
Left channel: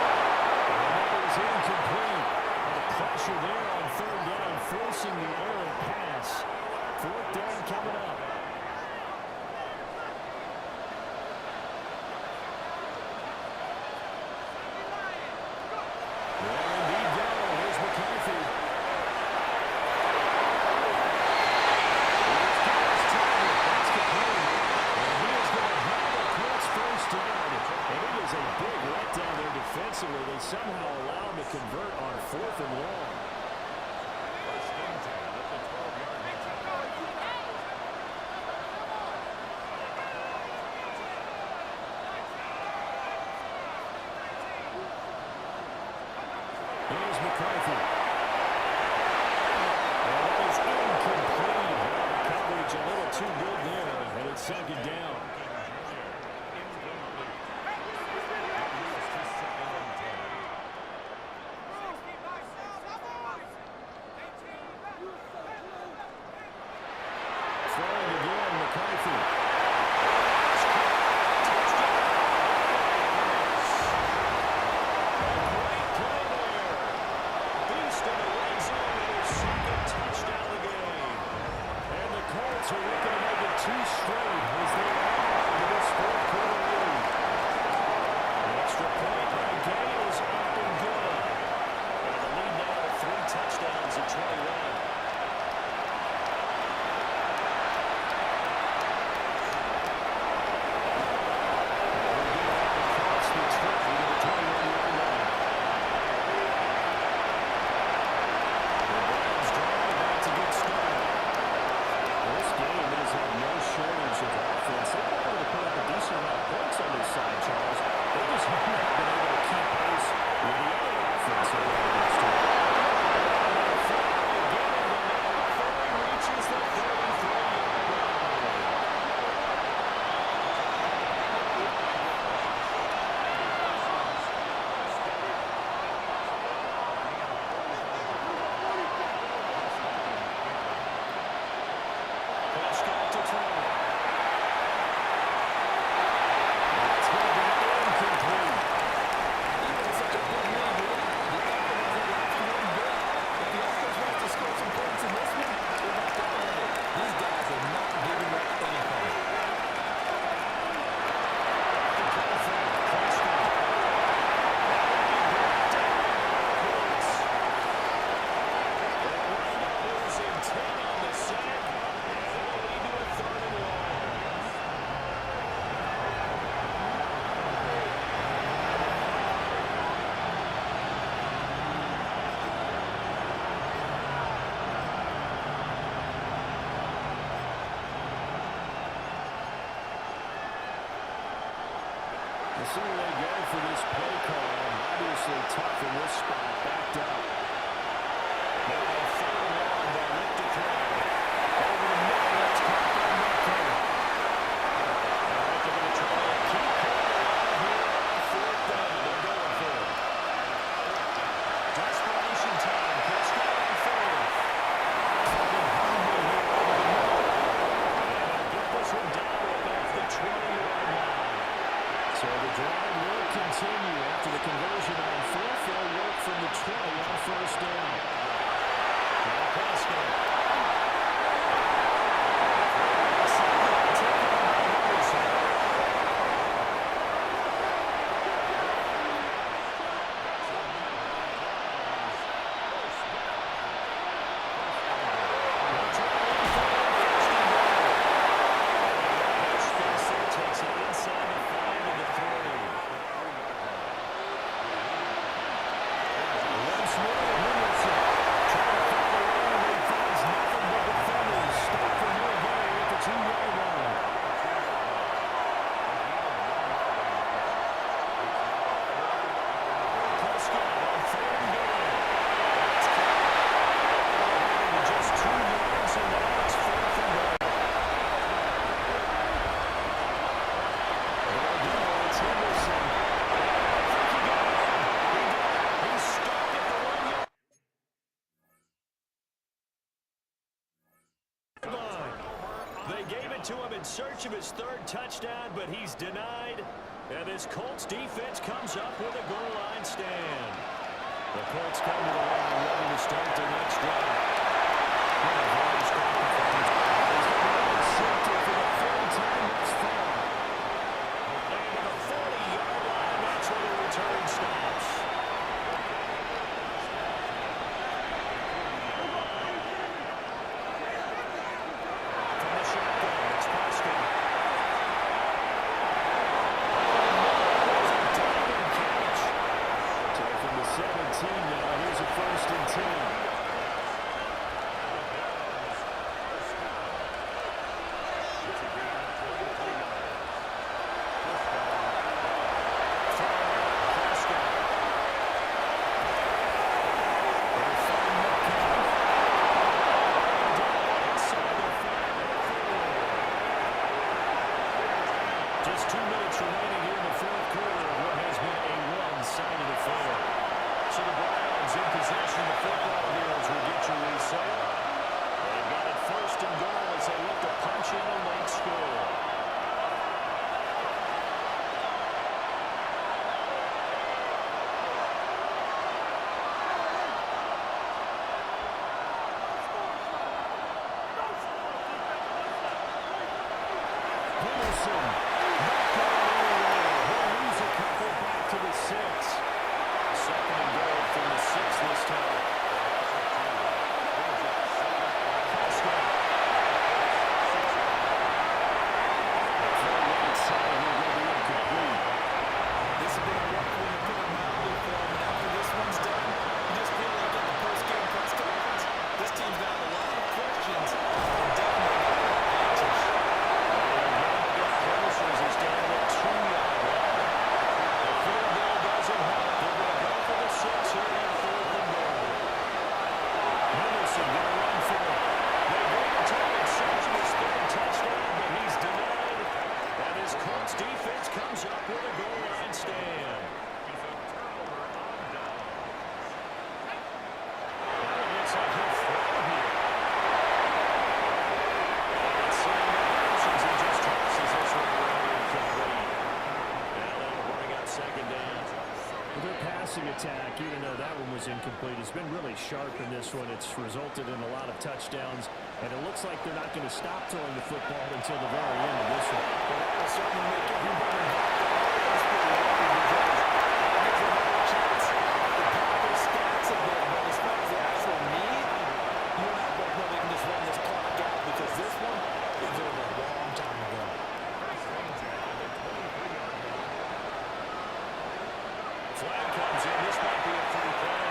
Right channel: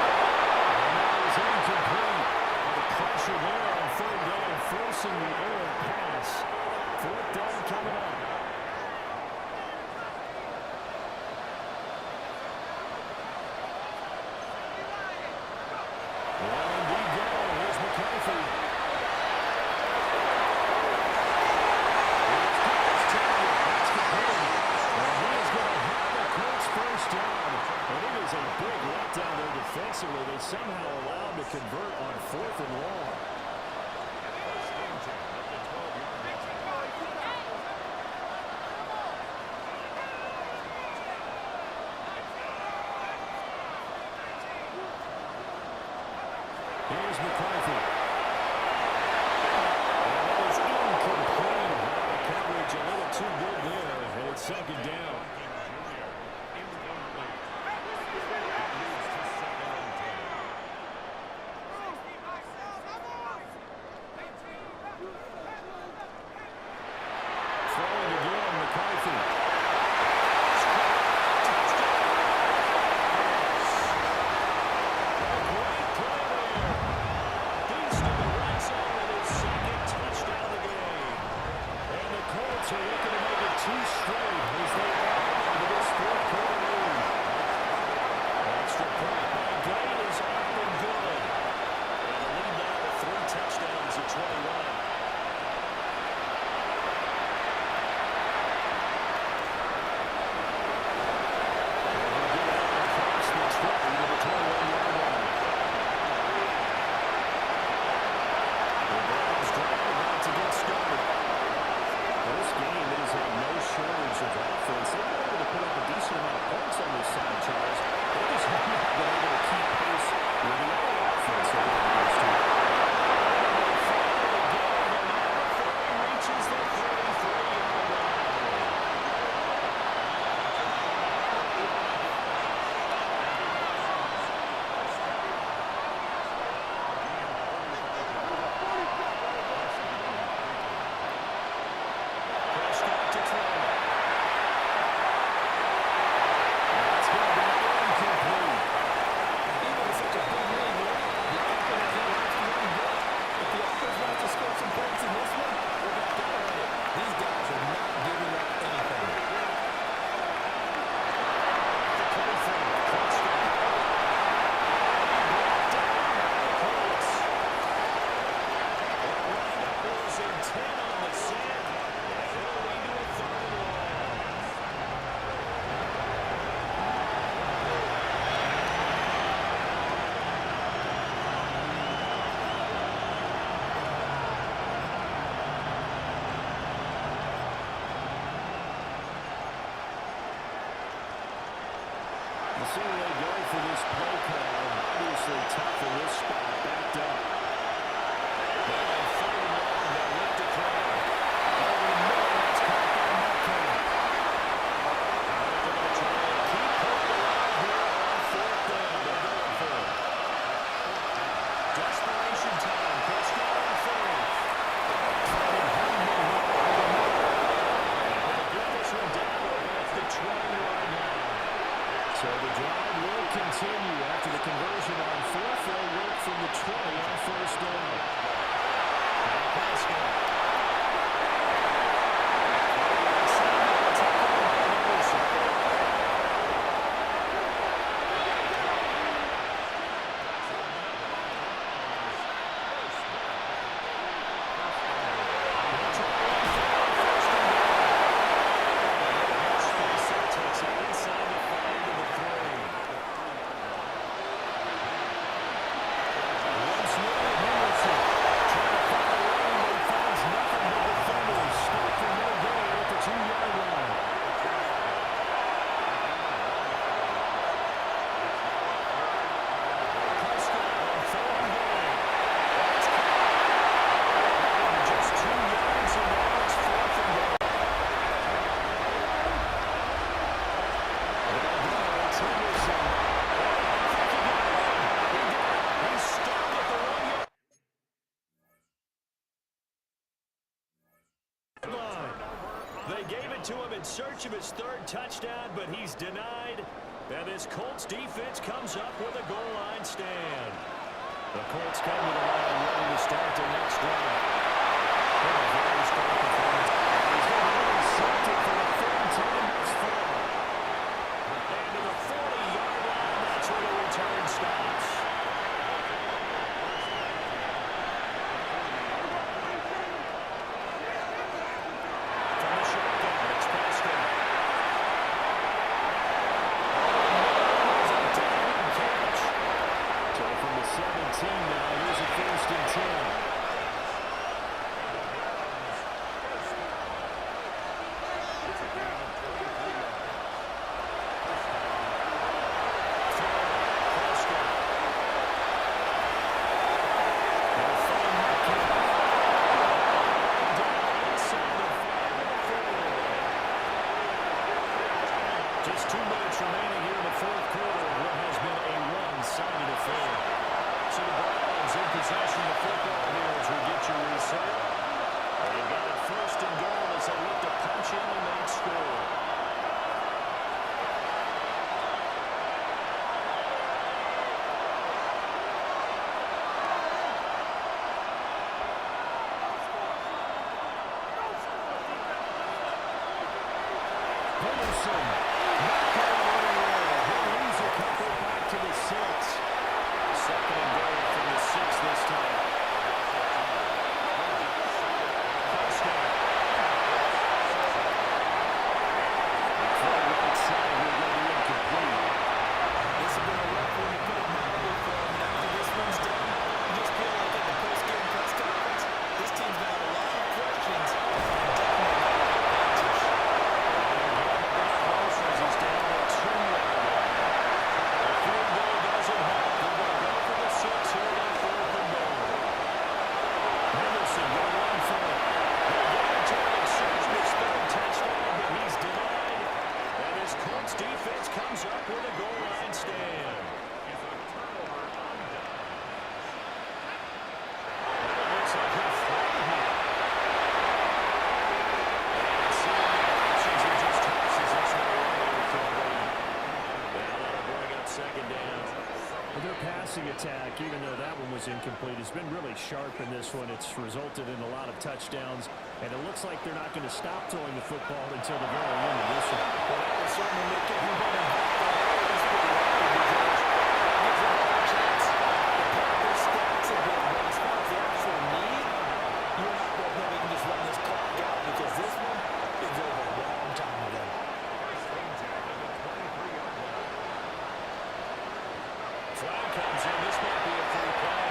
And that is incomplete. And the pressure there on 3rd down, forcing the errant pass. 4th down coming up. Well, indeed, go. Here's McCarthy. That's complete. And he is going to have a Colts 1st down. And it is a big letdown there defensively. They somehow allowed him to convert on 4th and long. 1st and 10 at the 12-yard line. Here's McCarthy. And that is incomplete. The coverage coverage a little too good there, and it's second down. Jr. Incomplete. It moves to 2nd and 10. Throwing again, McCarthy. A great play there. Beast in the red zone with his second touchdown of the game. And the Colts are looking to make it 2 straight as they add into this fourth quarter lead. An extra point by Gay is up and good. And the lead now to 3 touchdowns at 21. Shortage of offense. They've been able to put up a decent amount of points on this side, Charles. They just have not been able to keep pace with the other offense they're up against here. And they finally get him, but not before he reaches the 33-yard line. Prescott to throw. That's going to be incomplete. Even with such a big lead, the effort hasn't lasted one bit. If the offense wants to score some points in this one, they're going to earn it. These guys are not giving up anything. The play from Prescott. And he brought down Colts. They'll wind up losing 10 on the sack, and it'll lead to a 3rd and long. We'll see where they go for this play call. Obviously tough in this spot, backed up. Now on 3rd and long, they'll look to throw. Over the middle, that's caught by Metcalf. All right, they're going to try and keep Cole alive here on 4th down. They're going for it. Desperation time. Prescott on 4th. Fighting Hundley here over the middle. And they'll get this one down to about the 20-yard line. So the drive will continue after the conversion on 4th. They'll work from the 20 on 1st down. Now Prescott. Taken by Henderson. They'll try one throw on 1st and goal. Spacer takes it inside the 5 to the 3. Once more, Henderson trying to find a lane, but he finds nothing but defenders. Stop for no gain at the 2-yard line. Prescott on 3rd and goal. That's caught. Into just 2 yards, and now it's 4th and goal. There we go. It's Henderson. And I think he got him. He did it. He stopped at the 1-yard line. They gave it to him in search of his 3rd touchdown, but he's denied. And this Colts defense comes up with a goal line stand. The Colts come to the line ready to start their next drive. What a very strong performance. He's going to be intercepted for the 3rd time thus far. And to the 40-yard line, that's where the return stops. From the shotgun, it's Prescott. There's a diving catch. So from the 17 now, here's a 1st and 10. It's a gain of 23 yards. First down. Prescott. minutes remaining here in the fourth quarter of what has been a one-sided affair. So the Browns in possession of the football here as we get your reset. They've got it first and goal as they look to punch in a late score. Henderson not going anywhere. He'll lose a couple back to the 6. Second and goal from the 6 this time. Prescott. The throw right side here going to be incomplete. This has been a rough one to put it mildly for him. And after this one's done, you just feel like at the post-game press conference, this team's got a lot of questions and definitely not a lot of answers. As he's down the 2-yard line. The field goal doesn't help. They're going to go for the 6 here on fourth and goal. Henderson going to run for it. They gain a target, searching his third touchdown, but he's denied. And his Colts defense comes up with a goal line stand. Is a turnover on down. Now it looks like he'll throw here. And seeing the options, he just tosses this one away. Complete. Now that'll bring up second down. Well, their passing attack, even though that one was incomplete, has been really sharp in this one. It's resulted in a lot of touchdowns, and it looks like they're not going to stop throwing the football until the very end of this one. Well, that will certainly make everybody else pretty happy because that gives them all a chance to pop their stats a bit. But as far as the actual need, you and I both know they can just run this clock out because this one is over a long time ago. First and 10 at the 23-yard line. Flag comes in. This might be a free play.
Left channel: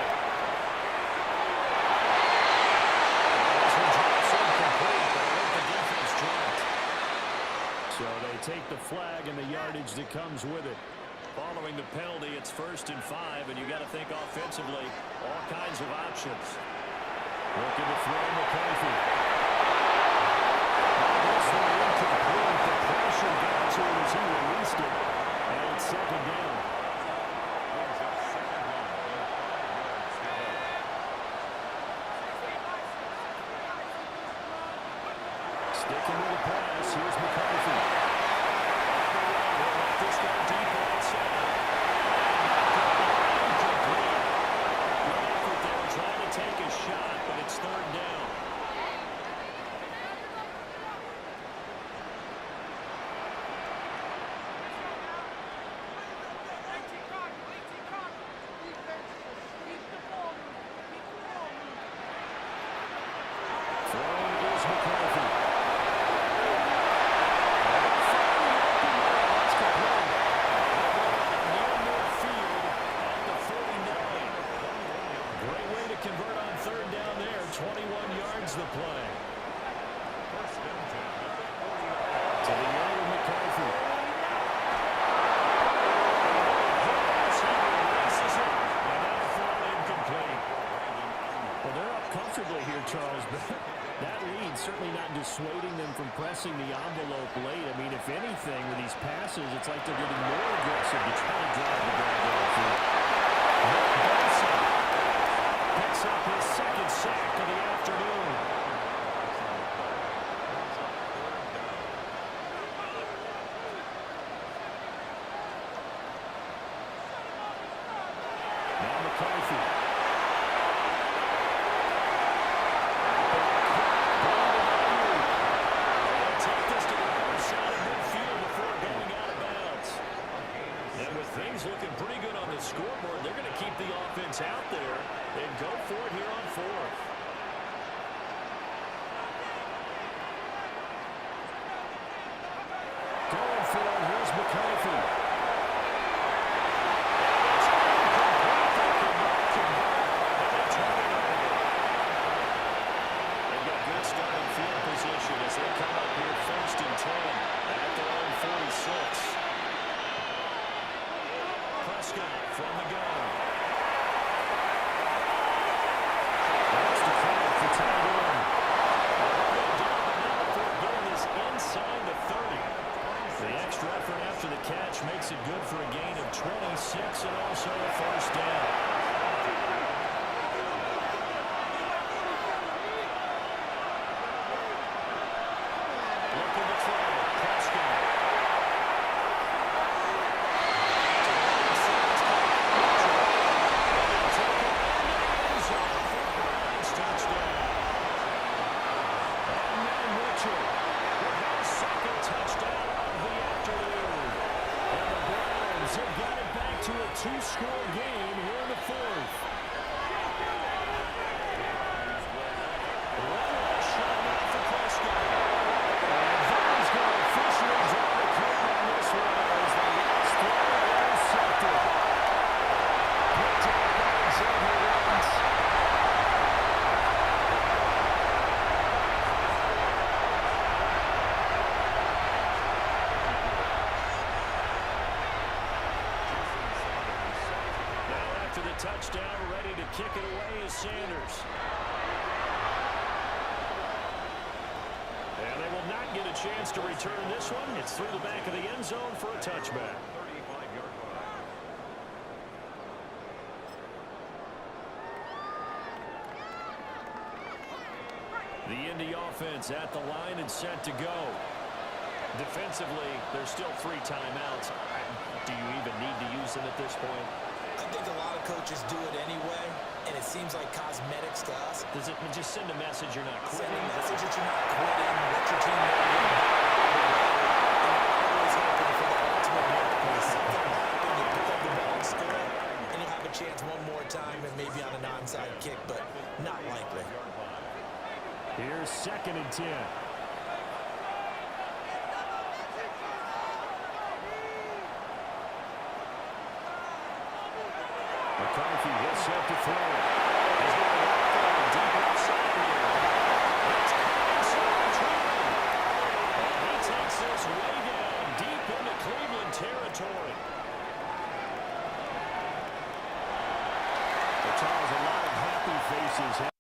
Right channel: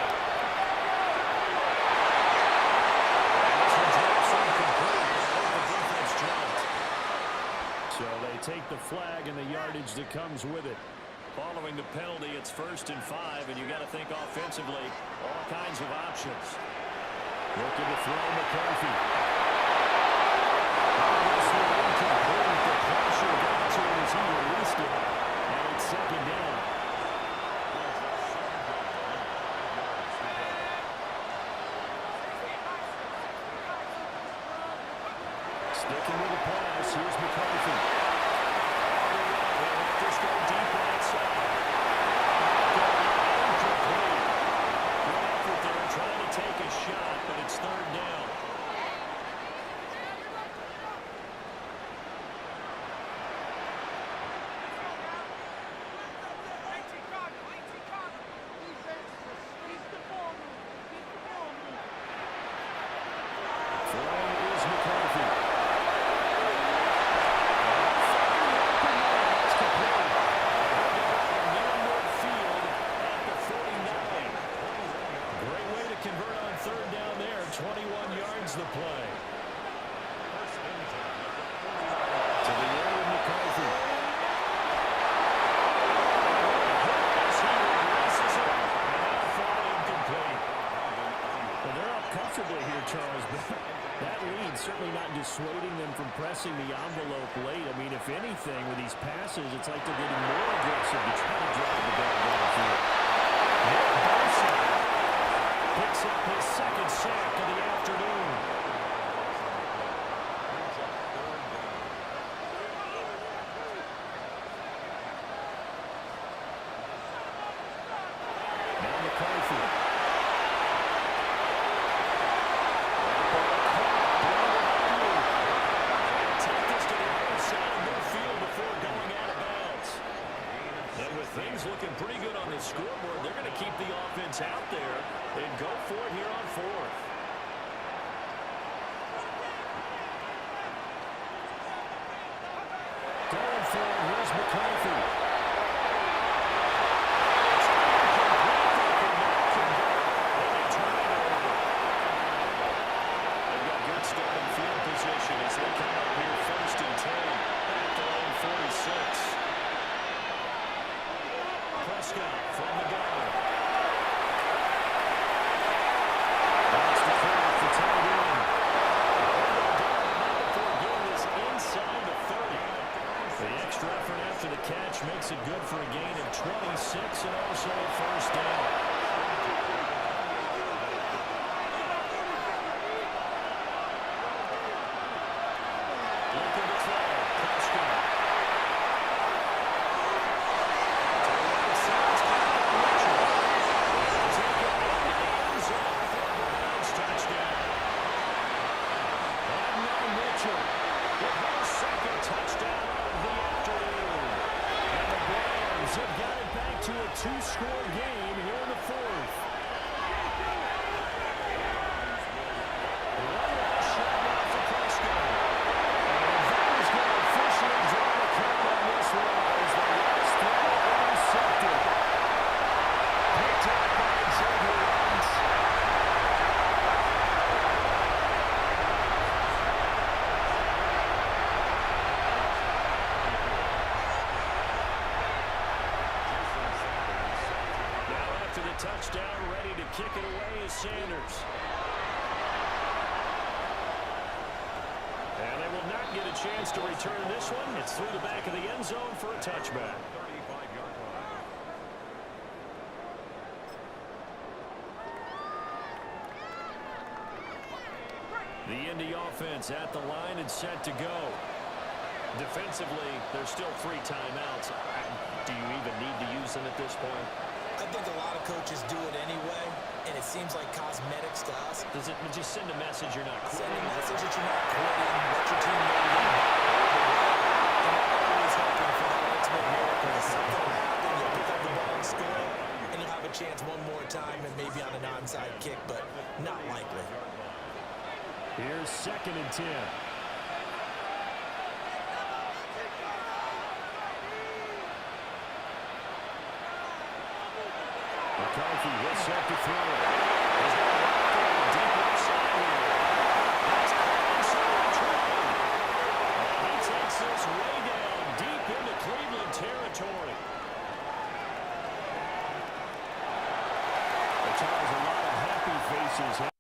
And this one drops incomplete, but I hope the defense jumped. So they take the flag and the yardage that comes with it. Following the penalty, it's 1st and 5, and you got to think offensively, all kinds of options. Looking to throw McCarthy. This one incomplete. The pressure got to it as he released it. And it's second down. Brings up second down and 5 yards to go. Sticking with the pass. Here's McCarthy. On the run. He'll let this go deep right side. Incomplete. Good effort there trying to take a shot, but it's third down. Throwing is McCarthy. Finally open there. That's complete. They'll go out near midfield at the 49. Great way to convert on third down there. 21 yards the play. First and 10 at the 40-yard line. To the air with McCarthy. As he releases it, and that'll fall incomplete. Well, they're up comfortably here, Charles, but that lead certainly not dissuading them from pressing the envelope late. I mean, if anything, with these passes, it's like they're getting more aggressive to try to drive the ball downfield. Nick Bosa picks up his second sack of the afternoon. Brings up third down. Now McCarthy. Take this to the other side of midfield before going out of bounds. And with things looking pretty good on the scoreboard, they're going to keep the offense out there and go for it here on fourth. Going for it, here's McCarthy. It's incomplete. They could not convert, and they turn it over. They've got good starting field position as they come up here 1st and 10 at their own 46. Prescott from the gun. That's the flag for tight end. Down, but not before getting this inside the 30. The extra effort after the catch makes it good for a gain of 26 and also a first down. Looking to throw. Prescott. To the right side. Mitchell. They'll take it into the end zone for a Browns touchdown. And now Mitchell with his second touchdown of the afternoon. And the Browns have got it back to a two-score game here in the fourth. One last shot now for Prescott. And that is going to officially draw the curtain on this one as the last throw intercepted. Picked up by Xavier Rhodes. Now after the touchdown, ready to kick it away is Sanders. And they will not get a chance to return this one. It's through the back of the end zone for a touchback. 35-yard line. The Indy offense at the line and set to go. Defensively, there's still 3 timeouts. Do you even need to use them at this point? I think a lot of coaches do it anyway, and it seems like cosmetics to us. Does it just send a message you're not quitting? Send a message that you're not quitting, let your team know you're going and you're always hoping for that ultimate miracle. Something will happen, you pick up the ball and score, and you'll have a chance one more time and maybe on an onside kick, but not likely. Here's 2nd and 10. McCarthy will set to throw it. He's got a right throw deep left side here. That's caught inside the 20. And he takes this way down deep into Cleveland territory. But Charles, a lot of happy faces.